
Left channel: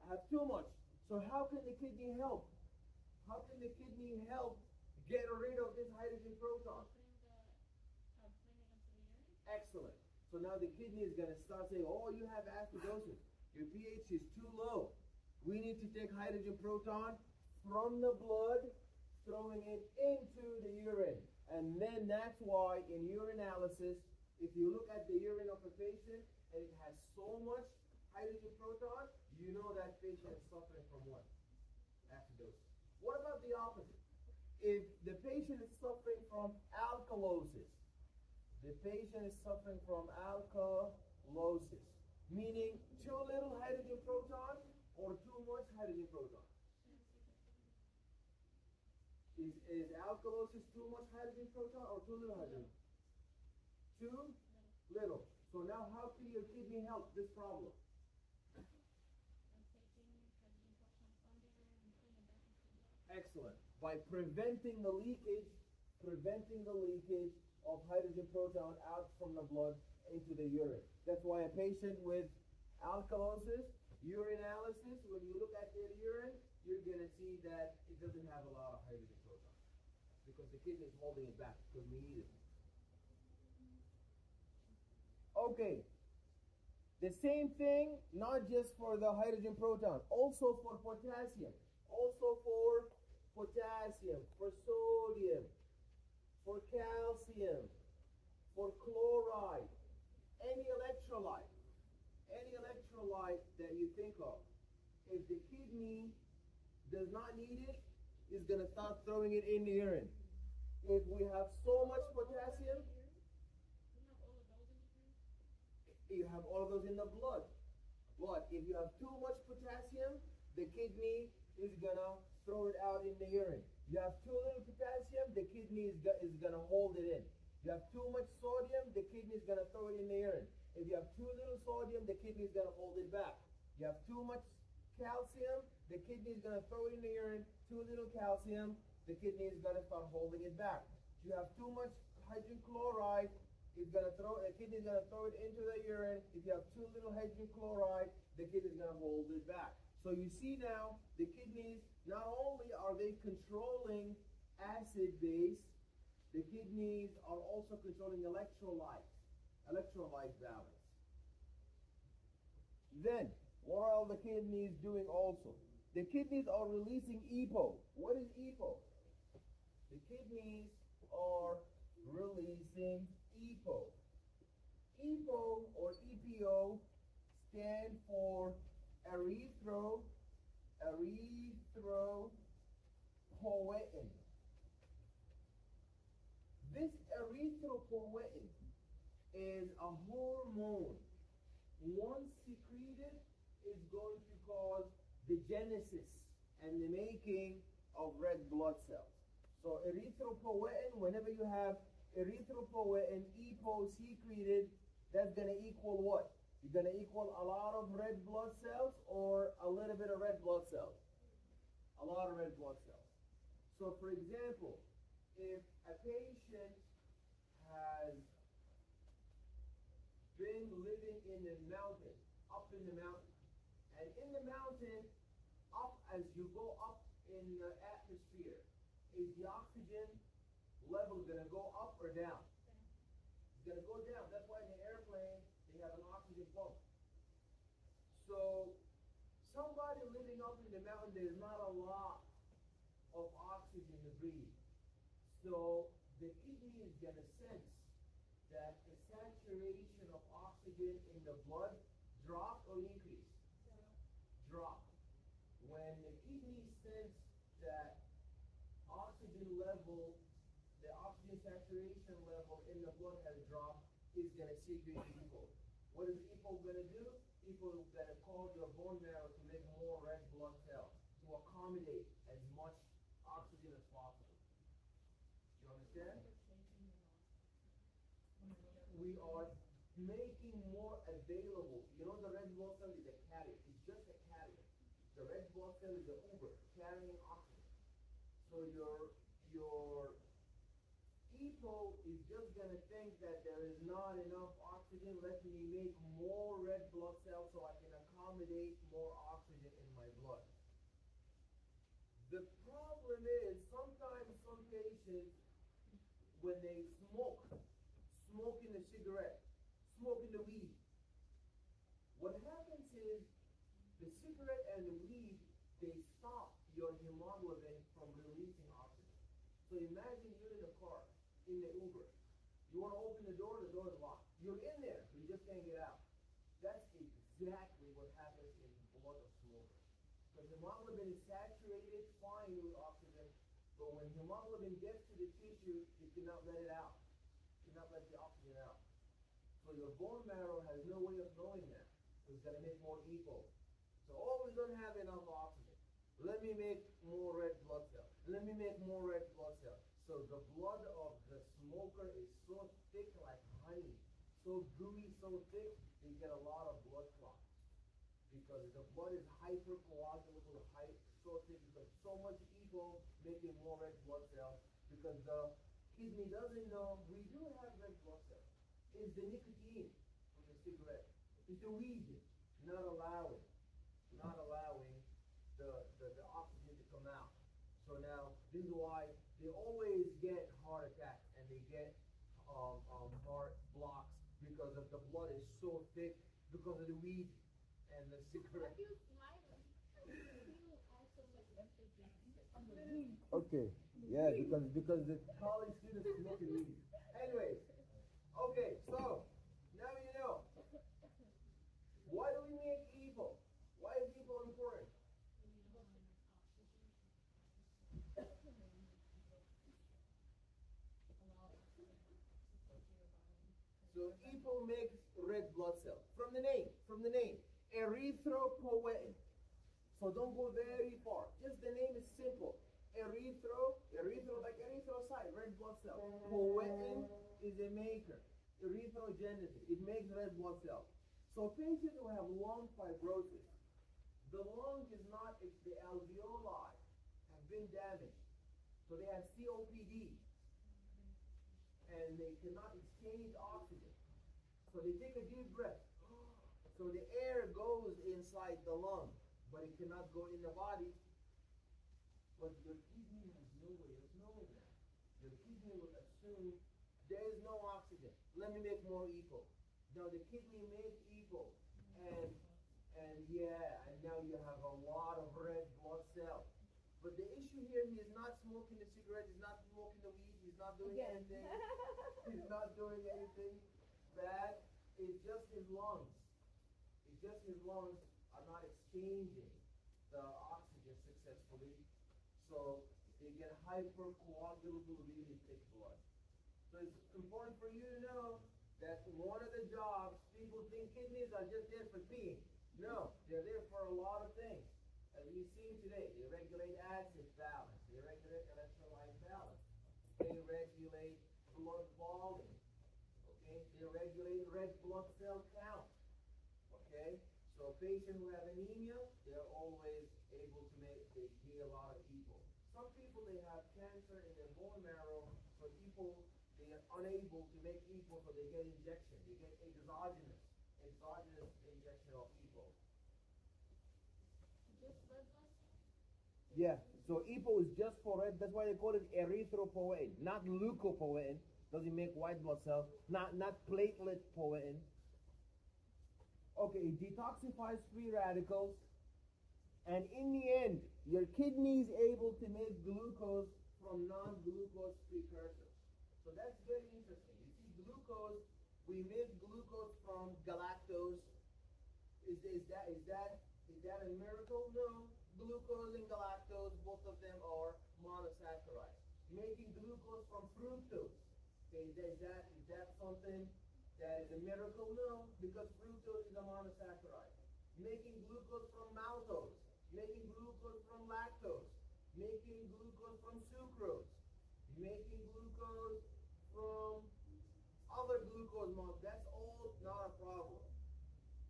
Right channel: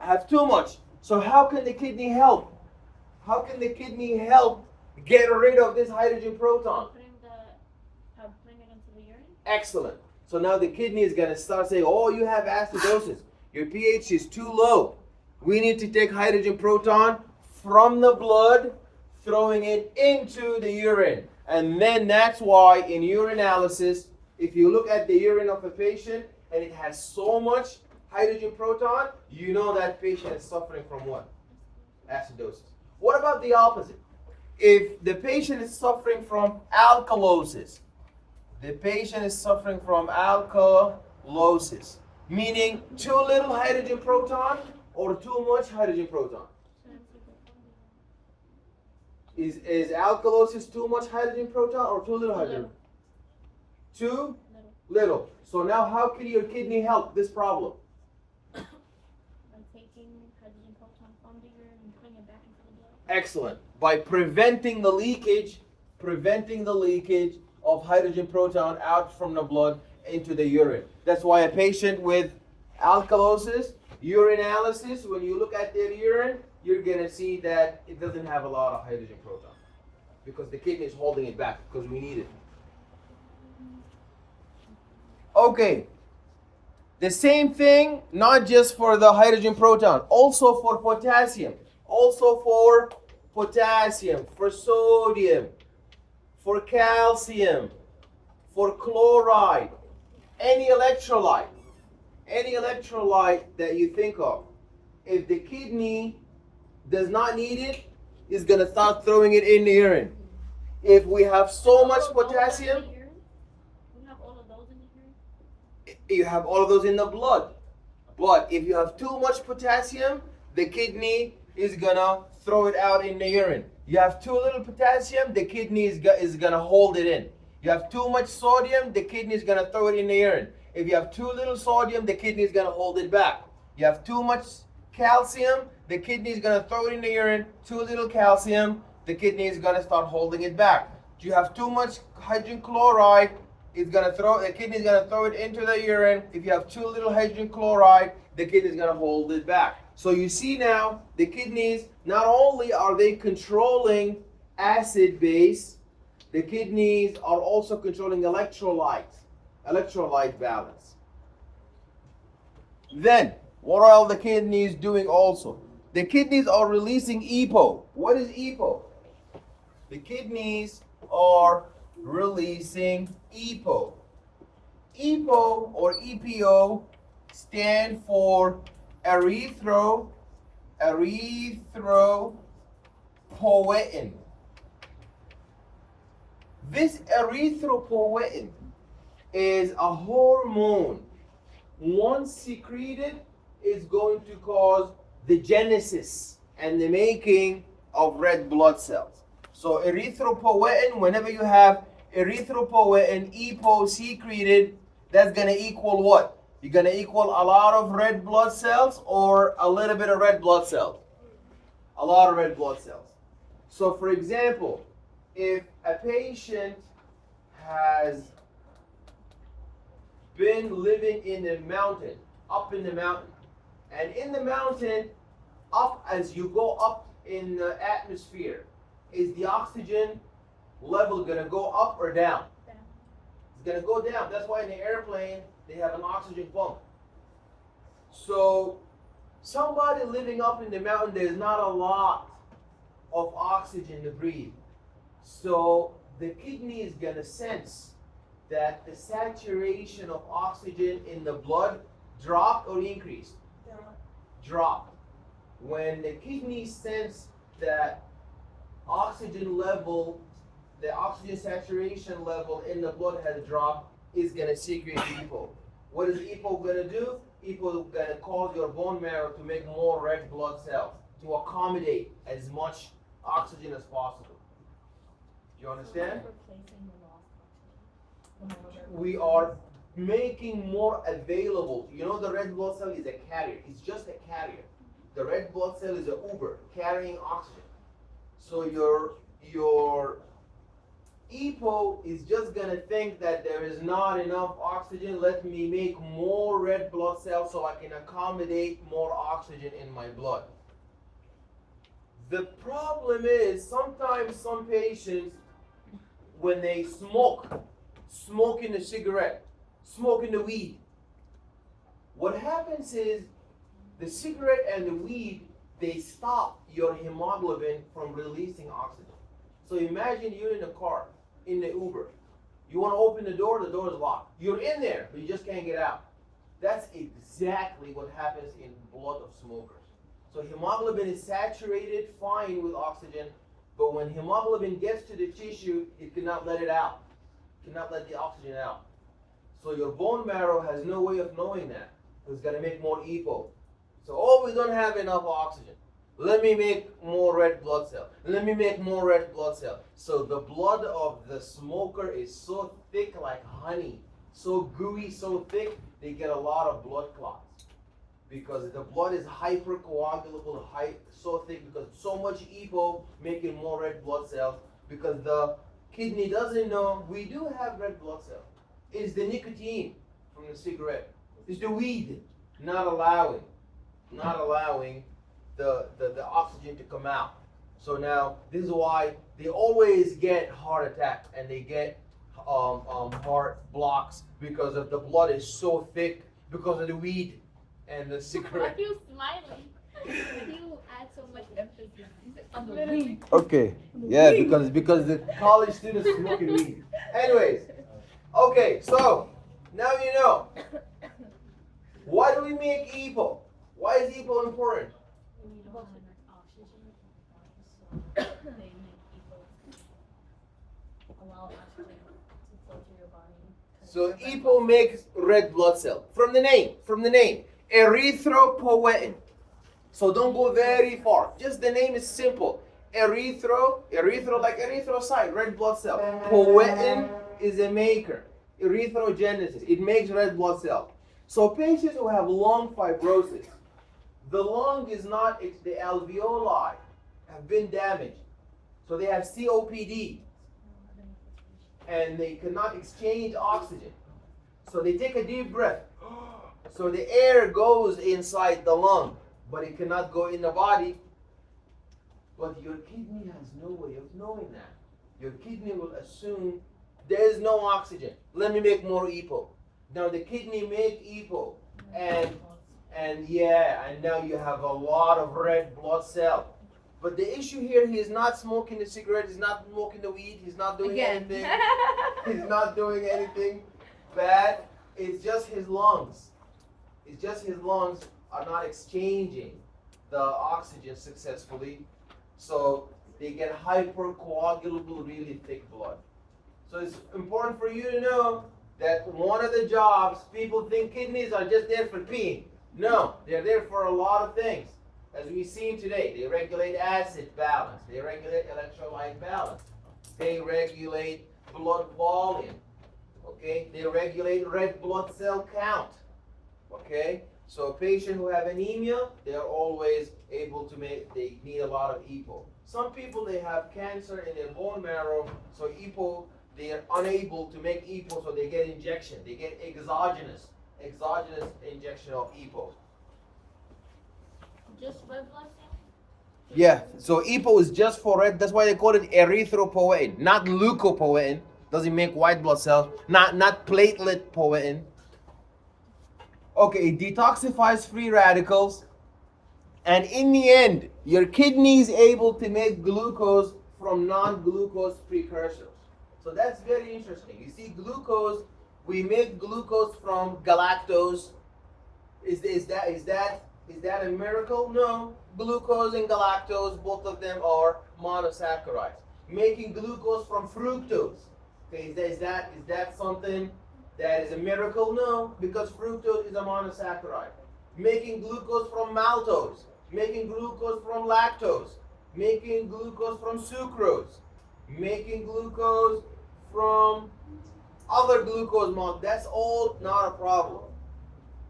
I have too much. So how can the kidney help? How can the kidney help get rid of this hydrogen proton? Putting it into the urine? Excellent. So now the kidney is going to start saying, oh, you have acidosis. Your pH is too low. We need to take hydrogen proton from the blood, throwing it into the urine. And then that's why in urinalysis, if you look at the urine of a patient and it has so much hydrogen proton, you know that patient is suffering from what? Acidosis. What about the opposite? If the patient is suffering from alkalosis, meaning too little hydrogen proton or too much hydrogen proton. Is alkalosis too much hydrogen proton or too little hydrogen? Too little. So now how can your kidney help this problem? By taking hydrogen proton from the urine and putting it back into the blood. Excellent. By preventing the leakage of hydrogen proton out from the blood into the urine. That's why a patient with alkalosis, urinalysis, when you look at their urine, you're going to see that it doesn't have a lot of hydrogen proton because the kidney is holding it back because we need it. Okay. The same thing, not just for the hydrogen proton, also for potassium, for sodium, for calcium, for chloride, any electrolyte that you think of. If the kidney does not need it, it's going to start throwing it in the urine. If we have so much potassium, We have all of those in the urine? you have all of those in the blood. But if you have too much potassium, the kidney is going to throw it out in the urine. You have too little potassium, the kidney is going to hold it in. You have too much sodium, the kidney is going to throw it in the urine. If you have too little sodium, the kidney is going to hold it back. You have too much calcium, the kidney is going to throw it in the urine. Too little calcium, the kidney is going to start holding it back. You have too much hydrogen chloride, the kidney is going to throw it into the urine. If you have too little hydrogen chloride, the kidney is going to hold it back. So you see now, the kidneys, not only are they controlling acid base, the kidneys are also controlling electrolyte balance. Then, what are all the kidneys doing also? The kidneys are releasing EPO. What is EPO? The kidneys are releasing EPO. EPO or EPO stand for erythropoietin. This erythropoietin is a hormone. Once secreted, is going to cause the genesis and the making of red blood cells. So erythropoietin, whenever you have erythropoietin, EPO secreted, that's gonna equal what? You're gonna equal a lot of red blood cells or a little bit of red blood cells? A lot of red blood cells. So for example, if a patient has been living in the mountain, up in the mountain, and in the mountain, up as you go up in the atmosphere, is the oxygen level gonna go up or down? It's gonna go down. That's why in the airplane they have an oxygen pump. So somebody living up in the mountain, there's not a lot of oxygen to breathe. So the kidney is gonna sense that the saturation of oxygen in the blood dropped or increased? Dropped. When the kidney sense that oxygen level, the oxygen saturation level in the blood has dropped, is gonna secrete EPO. What is EPO gonna do? EPO is gonna cause your bone marrow to make more red blood cells to accommodate as much oxygen as possible. Do you understand? We are making more available. You know, the red blood cell is a carrier. It's just a carrier. The red blood cell is an Uber carrying oxygen. So your EPO is just gonna think that there is not enough oxygen. Let me make more red blood cells so I can accommodate more oxygen in my blood. The problem is sometimes some patients, when they smoking a cigarette, smoking the weed, what happens is the cigarette and the weed, they stop your hemoglobin from releasing oxygen. So imagine you're in a car, in the Uber. You want to open the door is locked. You're in there, but you just can't get out. That's exactly what happens in blood of smokers. So hemoglobin is saturated fine with oxygen, but when hemoglobin gets to the tissue, it cannot let it out. It cannot let the oxygen out. So your bone marrow has no way of knowing that. It's going to make more EPO. So, oh, we don't have enough oxygen. Let me make more red blood cells. Let me make more red blood cells. So the blood of the smoker is so thick like honey, so gooey, so thick, they get a lot of blood clots. Because the blood is hypercoagulable, so thick, because so much EPO making more red blood cells, because the kidney doesn't know we do have red blood cells. It's the nicotine from the cigarette. It's the weed not allowing the oxygen to come out. So now this is why they always get heart attacks and they get heart blocks, because of the blood is so thick because of the weed and the cigarette. Why are you smiling? Why do you add so much emphasis on the weed? Okay, yeah, because the college students smoking weed. Anyways, okay, so now you know. Why do we make EPO? Why is EPO important? When you don't have enough oxygen, so they make people allow oxygen to flow through your body. So EPO makes red blood cell. From the name, erythropoietin. So don't go very far. Just the name is simple. Erythro like erythrocyte, red blood cell. Poietin is a maker. Erythrogenesis, it makes red blood cell. So patients who have lung fibrosis, the lung is not, the alveoli have been damaged. So they have COPD and they cannot exchange oxygen. So they take a deep breath. So the air goes inside the lung, but it cannot go in the body. But your kidney has no way of knowing that. Your kidney will assume there is no oxygen. Let me make more EPO. Now the kidney make EPO, and now you have a lot of red blood cell. But the issue here, he's not smoking the cigarette, he's not smoking the weed, he's not doing anything. He's not doing anything bad. It's just his lungs. It's just his lungs are not exchanging the oxygen successfully. So they get hypercoagulable, really thick blood. So it's important for you to know that one of the jobs, people think kidneys are just there for peeing. No, they're there for a lot of things. As we've seen today, they regulate acid balance, they regulate electrolyte balance, they regulate blood volume. Okay, they regulate red blood cell count. Okay, so a patient who have anemia, they're always able to they need a lot of EPO. Some people, they have cancer in their bone marrow, so EPO, they are unable to make EPO, so they get injection. They get exogenous injection of EPO. Just red blood cell? Yeah, so EPO is just for red. That's why they call it erythropoietin, not leukopoietin. Doesn't make white blood cells. Not platelet poietin. Okay, it detoxifies free radicals, and in the end, your kidney is able to make glucose from non-glucose precursors. So that's very interesting. You see, glucose, we make glucose from galactose. Is that a miracle? No. Glucose and galactose, both of them are monosaccharides. Making glucose from fructose. Okay, is that something that is a miracle? No, because fructose is a monosaccharide. Making glucose from maltose, making glucose from lactose, making glucose from sucrose, making glucose from other glucose molecules. That's all not a problem.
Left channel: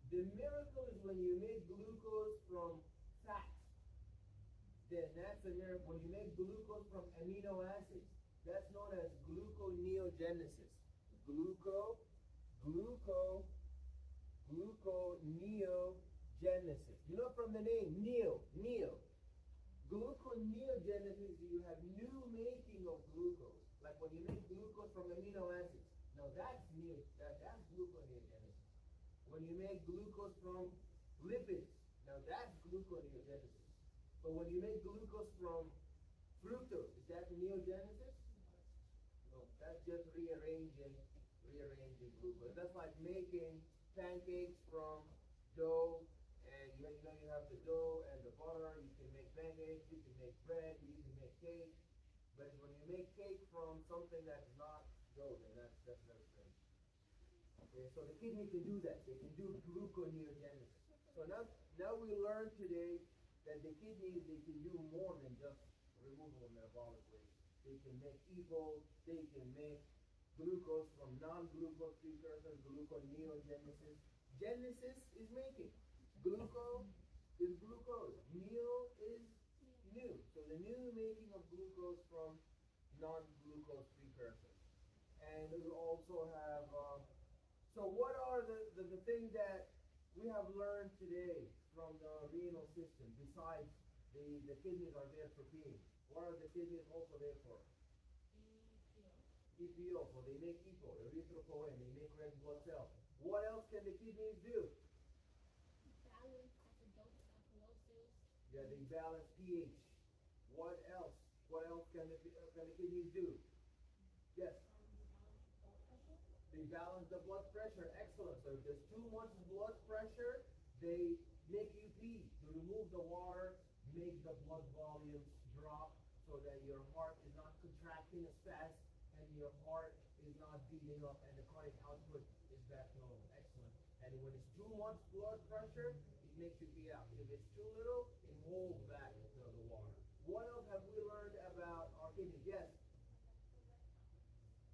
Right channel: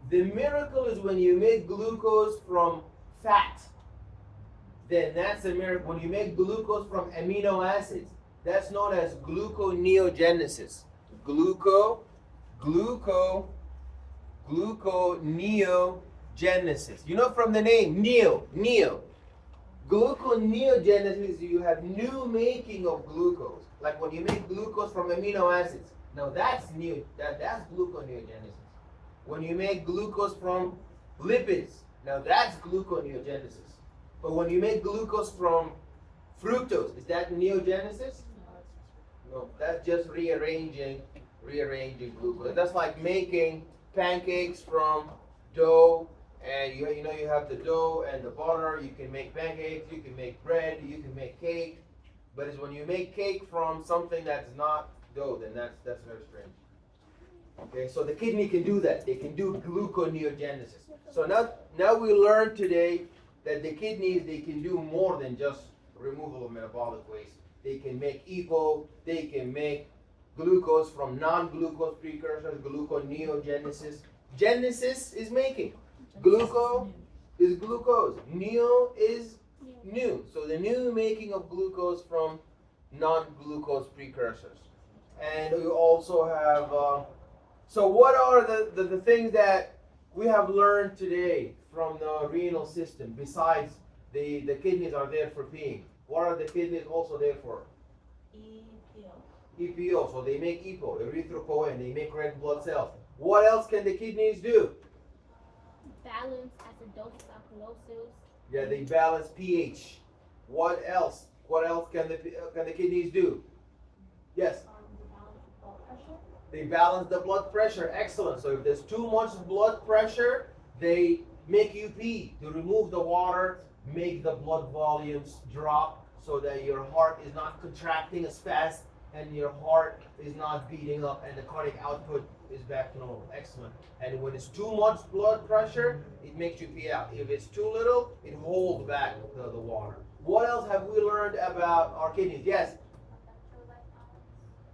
The miracle is when you make glucose from fat. Then that's a miracle. When you make glucose from amino acids, that's known as gluconeogenesis. Gluconeogenesis. You know from the name, neo. Gluconeogenesis, you have new making of glucose. Like when you make glucose from amino acids. Now that's new. That's gluconeogenesis. When you make glucose from lipids, now that's gluconeogenesis. But when you make glucose from fructose, is that neogenesis? No, that's just rearranging glucose. That's like making pancakes from dough, and you have the dough and the butter. You can make pancakes, you can make bread, you can make cake. But it's when you make cake from something that's not dough, then that's very strange. Okay, so the kidney can do that. They can do gluconeogenesis. So now we learned today that the kidneys, they can do more than just removal of metabolic waste. They can make EPO, they can make glucose from non-glucose precursors, gluconeogenesis. Genesis is making. Gluco is glucose. Neo is new. So the new making of glucose from non-glucose precursors. And we also have, so what are the things that we have learned today from the renal system besides the kidneys are there for peeing? What are the kidneys also there for? EPO. So they make EPO, erythropoietin, they make red blood cells. What else can the kidneys do? Balance acidosis, alkalosis. Yeah, they balance pH. What else? What else can the kidneys do? Yes. They balance the blood pressure. Excellent. So if there's too much blood pressure, they make you pee to remove the water, make the blood volumes drop so that your heart is not contracting as fast and your heart is not beating up and the cardiac output is back to normal. Excellent. And when it's too much blood pressure, it makes you pee out. If it's too little, it holds back the water. What else have we learned about our kidneys? Yes?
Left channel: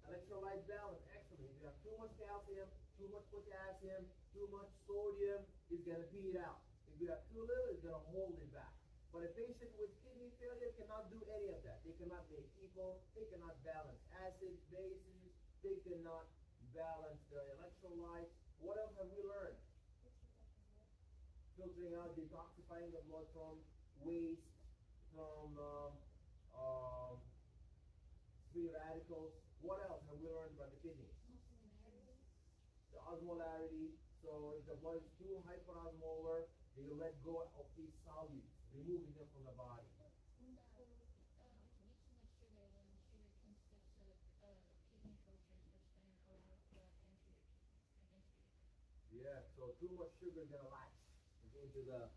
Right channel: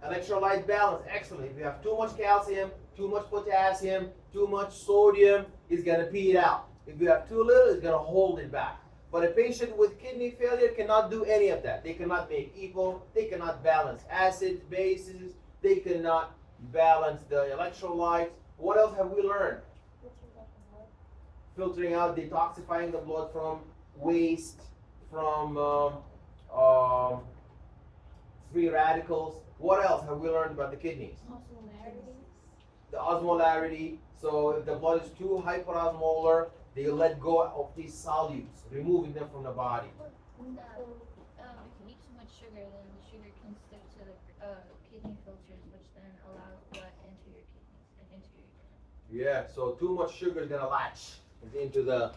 Electrolyte balance. Excellent. If you have too much calcium, too much potassium, too much sodium, it's going to pee it out. If you have too little, it's going to hold it back. But a patient with kidney failure cannot do any of that. They cannot make EPO. They cannot balance acids, bases. They cannot balance the electrolytes. What else have we learned? Filtering out, detoxifying the blood from waste, from free radicals. What else have we learned about the kidneys? The osmolarity. So if the blood is too hyperosmolar, they let go of these solutes, removing them from the body. If you eat too much sugar, then the sugar can stick to the kidney filters, which then allow blood into your kidneys and into your urine. Yeah, so too much sugar is gonna latch into the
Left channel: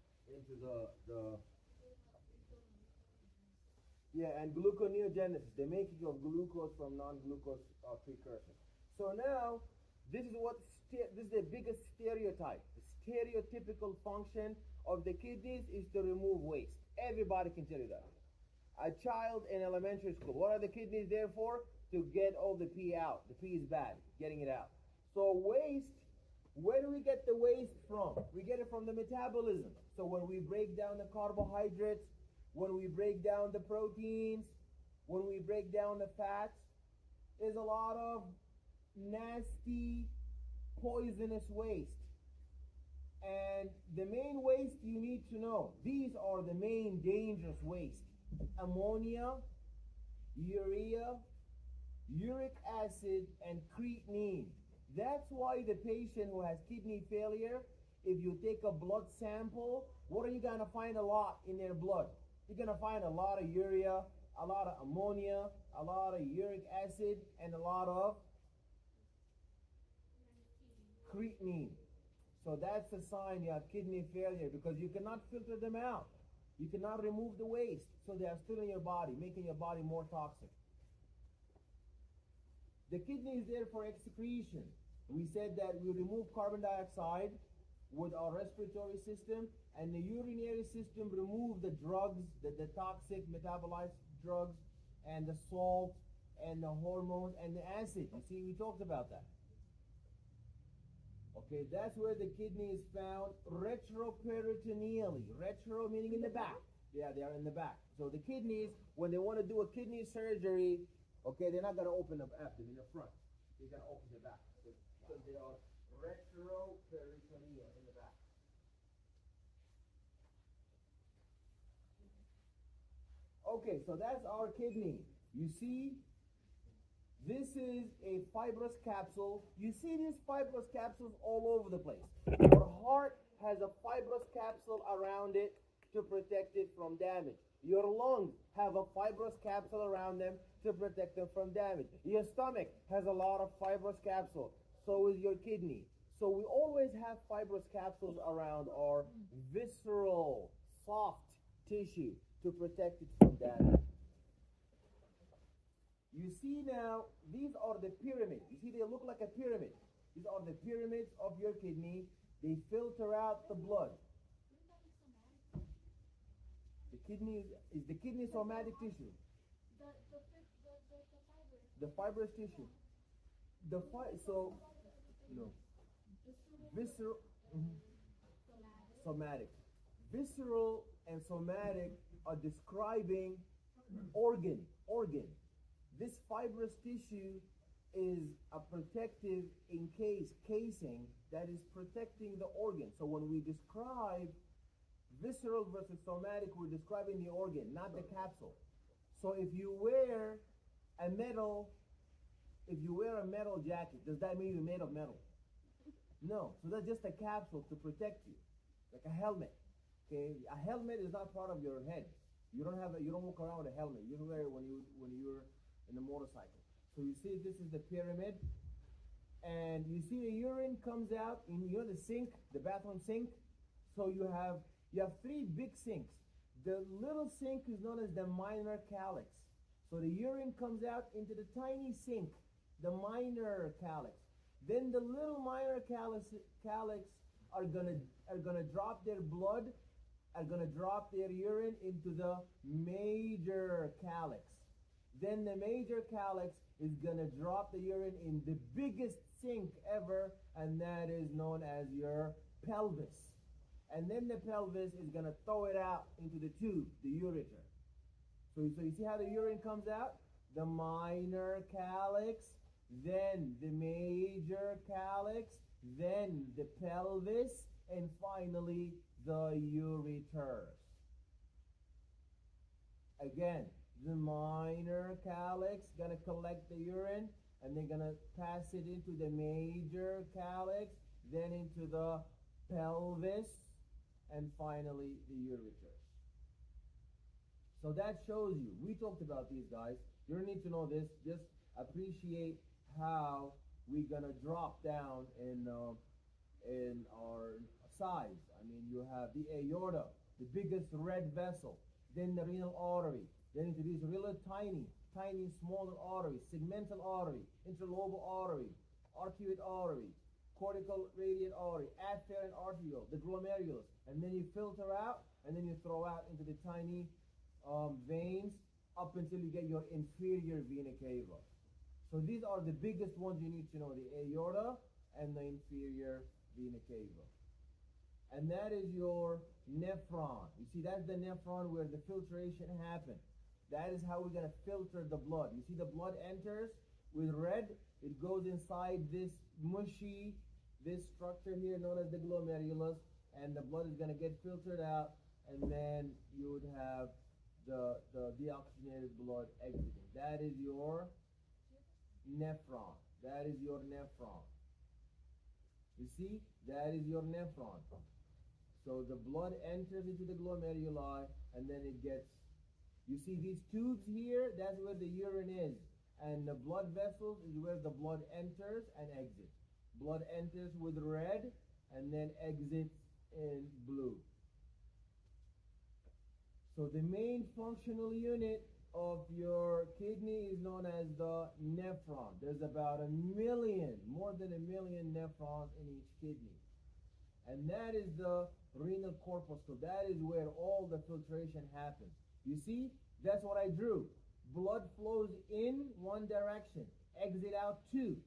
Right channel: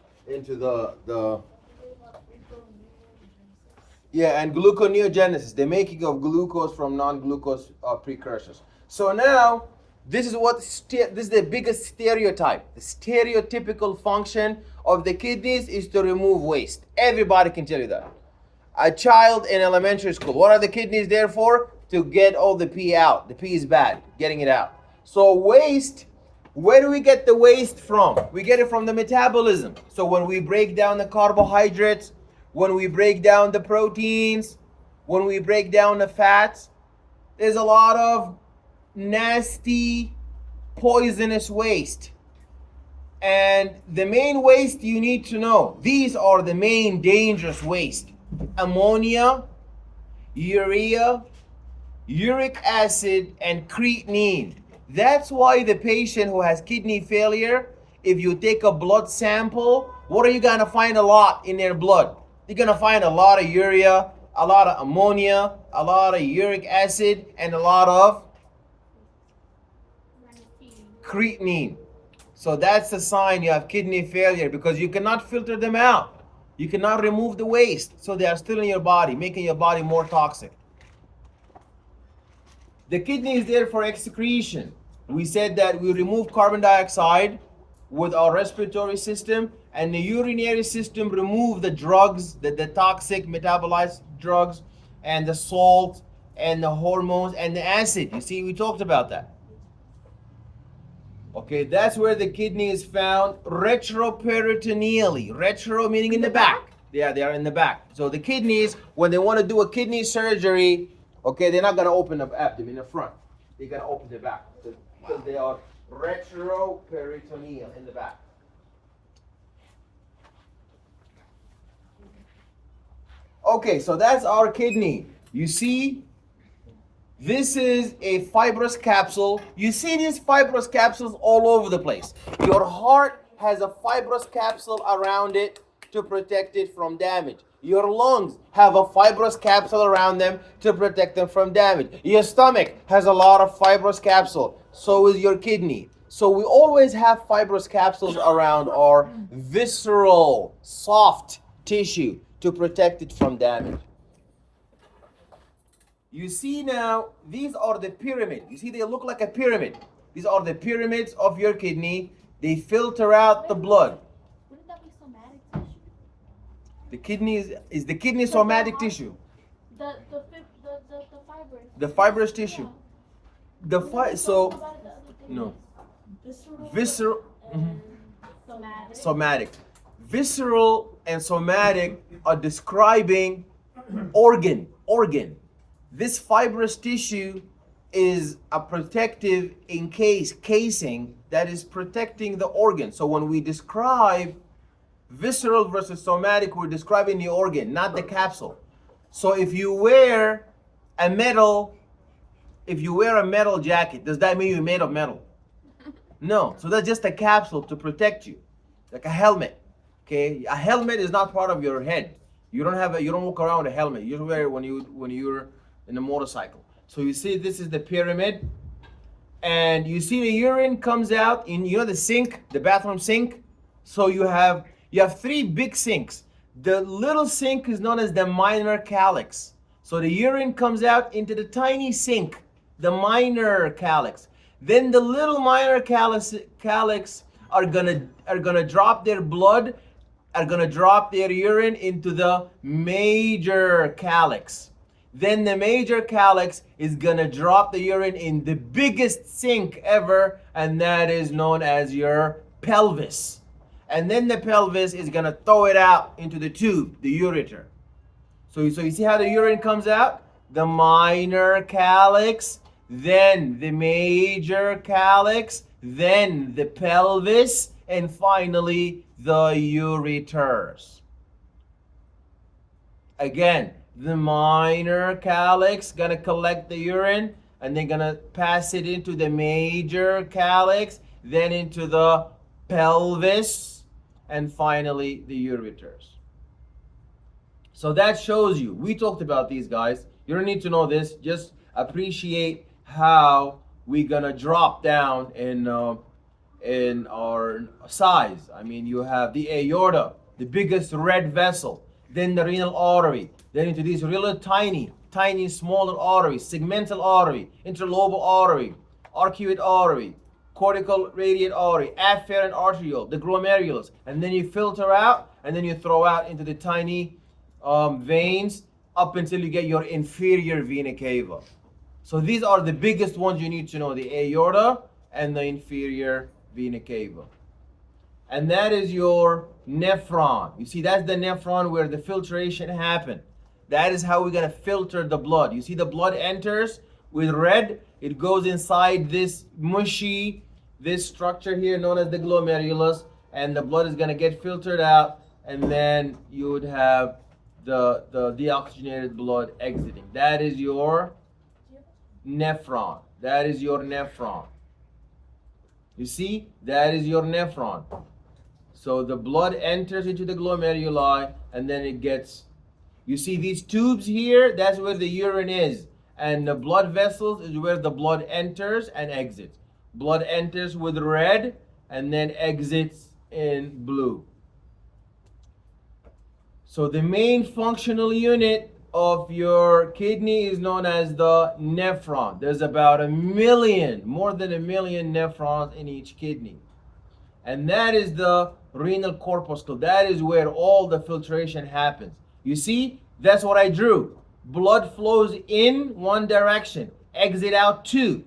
yeah, and gluconeogenesis, the making of glucose from non-glucose precursors. So now, this is the biggest stereotype. The stereotypical function of the kidneys is to remove waste. Everybody can tell you that. A child in elementary school, what are the kidneys there for? to get all the pee out. The pee is bad, getting it out. So waste, where do we get the waste from? We get it from the metabolism. So when we break down the carbohydrates, when we break down the proteins, when we break down the fats, there's a lot of nasty, poisonous waste. And the main waste you need to know, these are the main dangerous waste: ammonia, urea, uric acid, and creatinine. That's why the patient who has kidney failure, if you take a blood sample, what are you gonna find a lot in their blood? You're gonna find a lot of urea, a lot of ammonia, a lot of uric acid, and a lot of creatinine. So that's a sign you have kidney failure, because you cannot filter them out. You cannot remove the waste, so they are still in your body, making your body more toxic. The kidney is there for excretion. We said that we remove carbon dioxide with our respiratory system, and the urinary system remove the drugs, the toxic metabolized drugs, and the salt, and the hormones, and the acid. You see, we talked about that. Okay, that's where the kidney is found retroperitoneally. Retro meaning in the back. Yeah, they are in the back. So the kidneys, when they want to do a kidney surgery, okay, they're not going to open the abdomen in the front. They're going to open the back, because they are retroperitoneal in the back. Okay, so that's our kidney. You see, this is a fibrous capsule. You see these fibrous capsules all over the place. Your heart has a fibrous capsule around it to protect it from damage. Your lungs have a fibrous capsule around them to protect them from damage. Your stomach has a lot of fibrous capsule. So is your kidney. So we always have fibrous capsules around our visceral, soft tissue to protect it from damage. You see now, these are the pyramid. You see, they look like a pyramid. These are the pyramids of your kidney. They filter out the blood. Wouldn't that be somatic tissue? The kidney is the kidney somatic tissue. The fibers. The fibrous tissue. So no. Visceral. Somatic. Visceral and somatic are describing organ. This fibrous tissue is a protective casing that is protecting the organ. So when we describe visceral versus somatic, we're describing the organ, not the capsule. So if you wear a metal jacket, does that mean you're made of metal? No. So that's just a capsule to protect you, like a helmet. Okay, a helmet is not part of your head. You don't walk around with a helmet. You wear it when you're in a motorcycle. So you see, this is the pyramid, and you see the urine comes out in, the sink, the bathroom sink. So you have three big sinks. The little sink is known as the minor calyx. So the urine comes out into the tiny sink, the minor calyx. Then the little minor calyx are gonna drop their blood, are gonna drop their urine into the major calyx. Then the major calyx is gonna drop the urine in the biggest sink ever, and that is known as your pelvis. And then the pelvis is gonna throw it out into the tube, the ureter. So you see how the urine comes out? The minor calyx, then the major calyx, then the pelvis, and finally the ureters. Again, the minor calyx gonna collect the urine, and they're gonna pass it into the major calyx, then into the pelvis, and finally the ureters. So that shows you, we talked about these guys. You don't need to know this, just appreciate how we're gonna drop down in our size. I mean, you have the aorta, the biggest red vessel, then the renal artery, then into these really tiny smaller arteries, segmental artery, interlobal artery, arcuate artery, cortical radiate artery, afferent arteriole, the glomerulus, and then you filter out, and then you throw out into the tiny veins up until you get your inferior vena cava. So these are the biggest ones you need to know, the aorta and the inferior vena cava. And that is your nephron. You see, that's the nephron where the filtration happens. That is how we're going to filter the blood. You see, the blood enters with red. It goes inside this mushy, this structure here known as the glomerulus, and the blood is going to get filtered out, and then you would have the deoxygenated blood exiting. That is your nephron. That is your nephron. You see, that is your nephron. So the blood enters into the glomeruli, and then it gets, you see these tubes here, that's where the urine is. And the blood vessels is where the blood enters and exits. Blood enters with red and then exits in blue. So the main functional unit of your kidney is known as the nephron. There's about 1 million, more than 1 million nephrons in each kidney. And that is the renal corpuscle. That is where all the filtration happens. You see, that's what I drew. Blood flows in one direction, exit out two.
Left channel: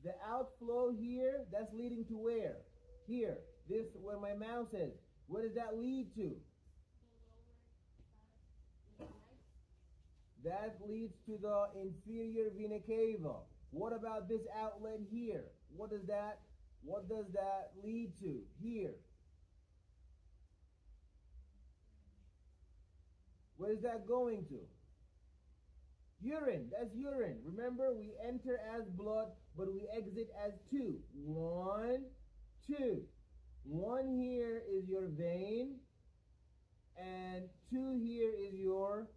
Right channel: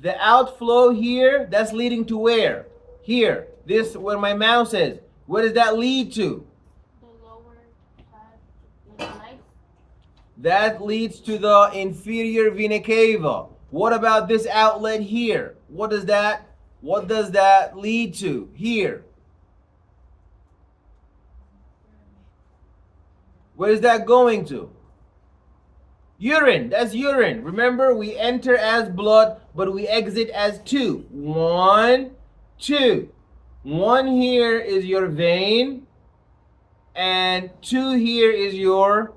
The outflow here, that's leading to where? Here, this where my mouse is. Where does that lead to? The lower part, the legs. That leads to the inferior vena cava. What about this outlet here? What does that lead to here? Where is that going to? Urine. That's urine. Remember, we enter as blood, but we exit as two. 1, 2. 1 here is your vein, and 2 here is your,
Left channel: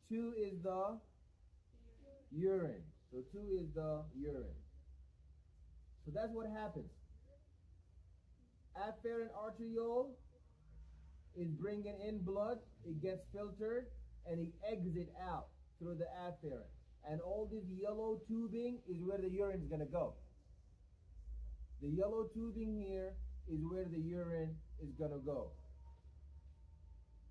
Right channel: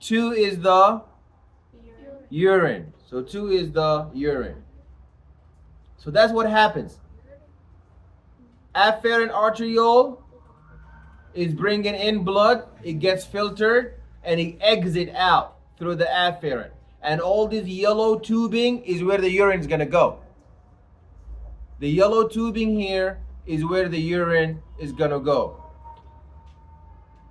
2 is the urine. So 2 is the urine. So that's what happens. Afferent arteriole is bringing in blood, it gets filtered, and it exits out through the afferent. And all this yellow tubing is where the urine is going to go. The yellow tubing here is where the urine is going to go.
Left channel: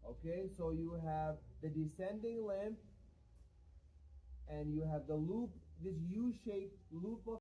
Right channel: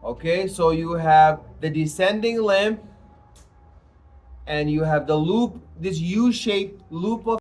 Okay, so you have the descending limb, and you have the loop, this U-shaped loop of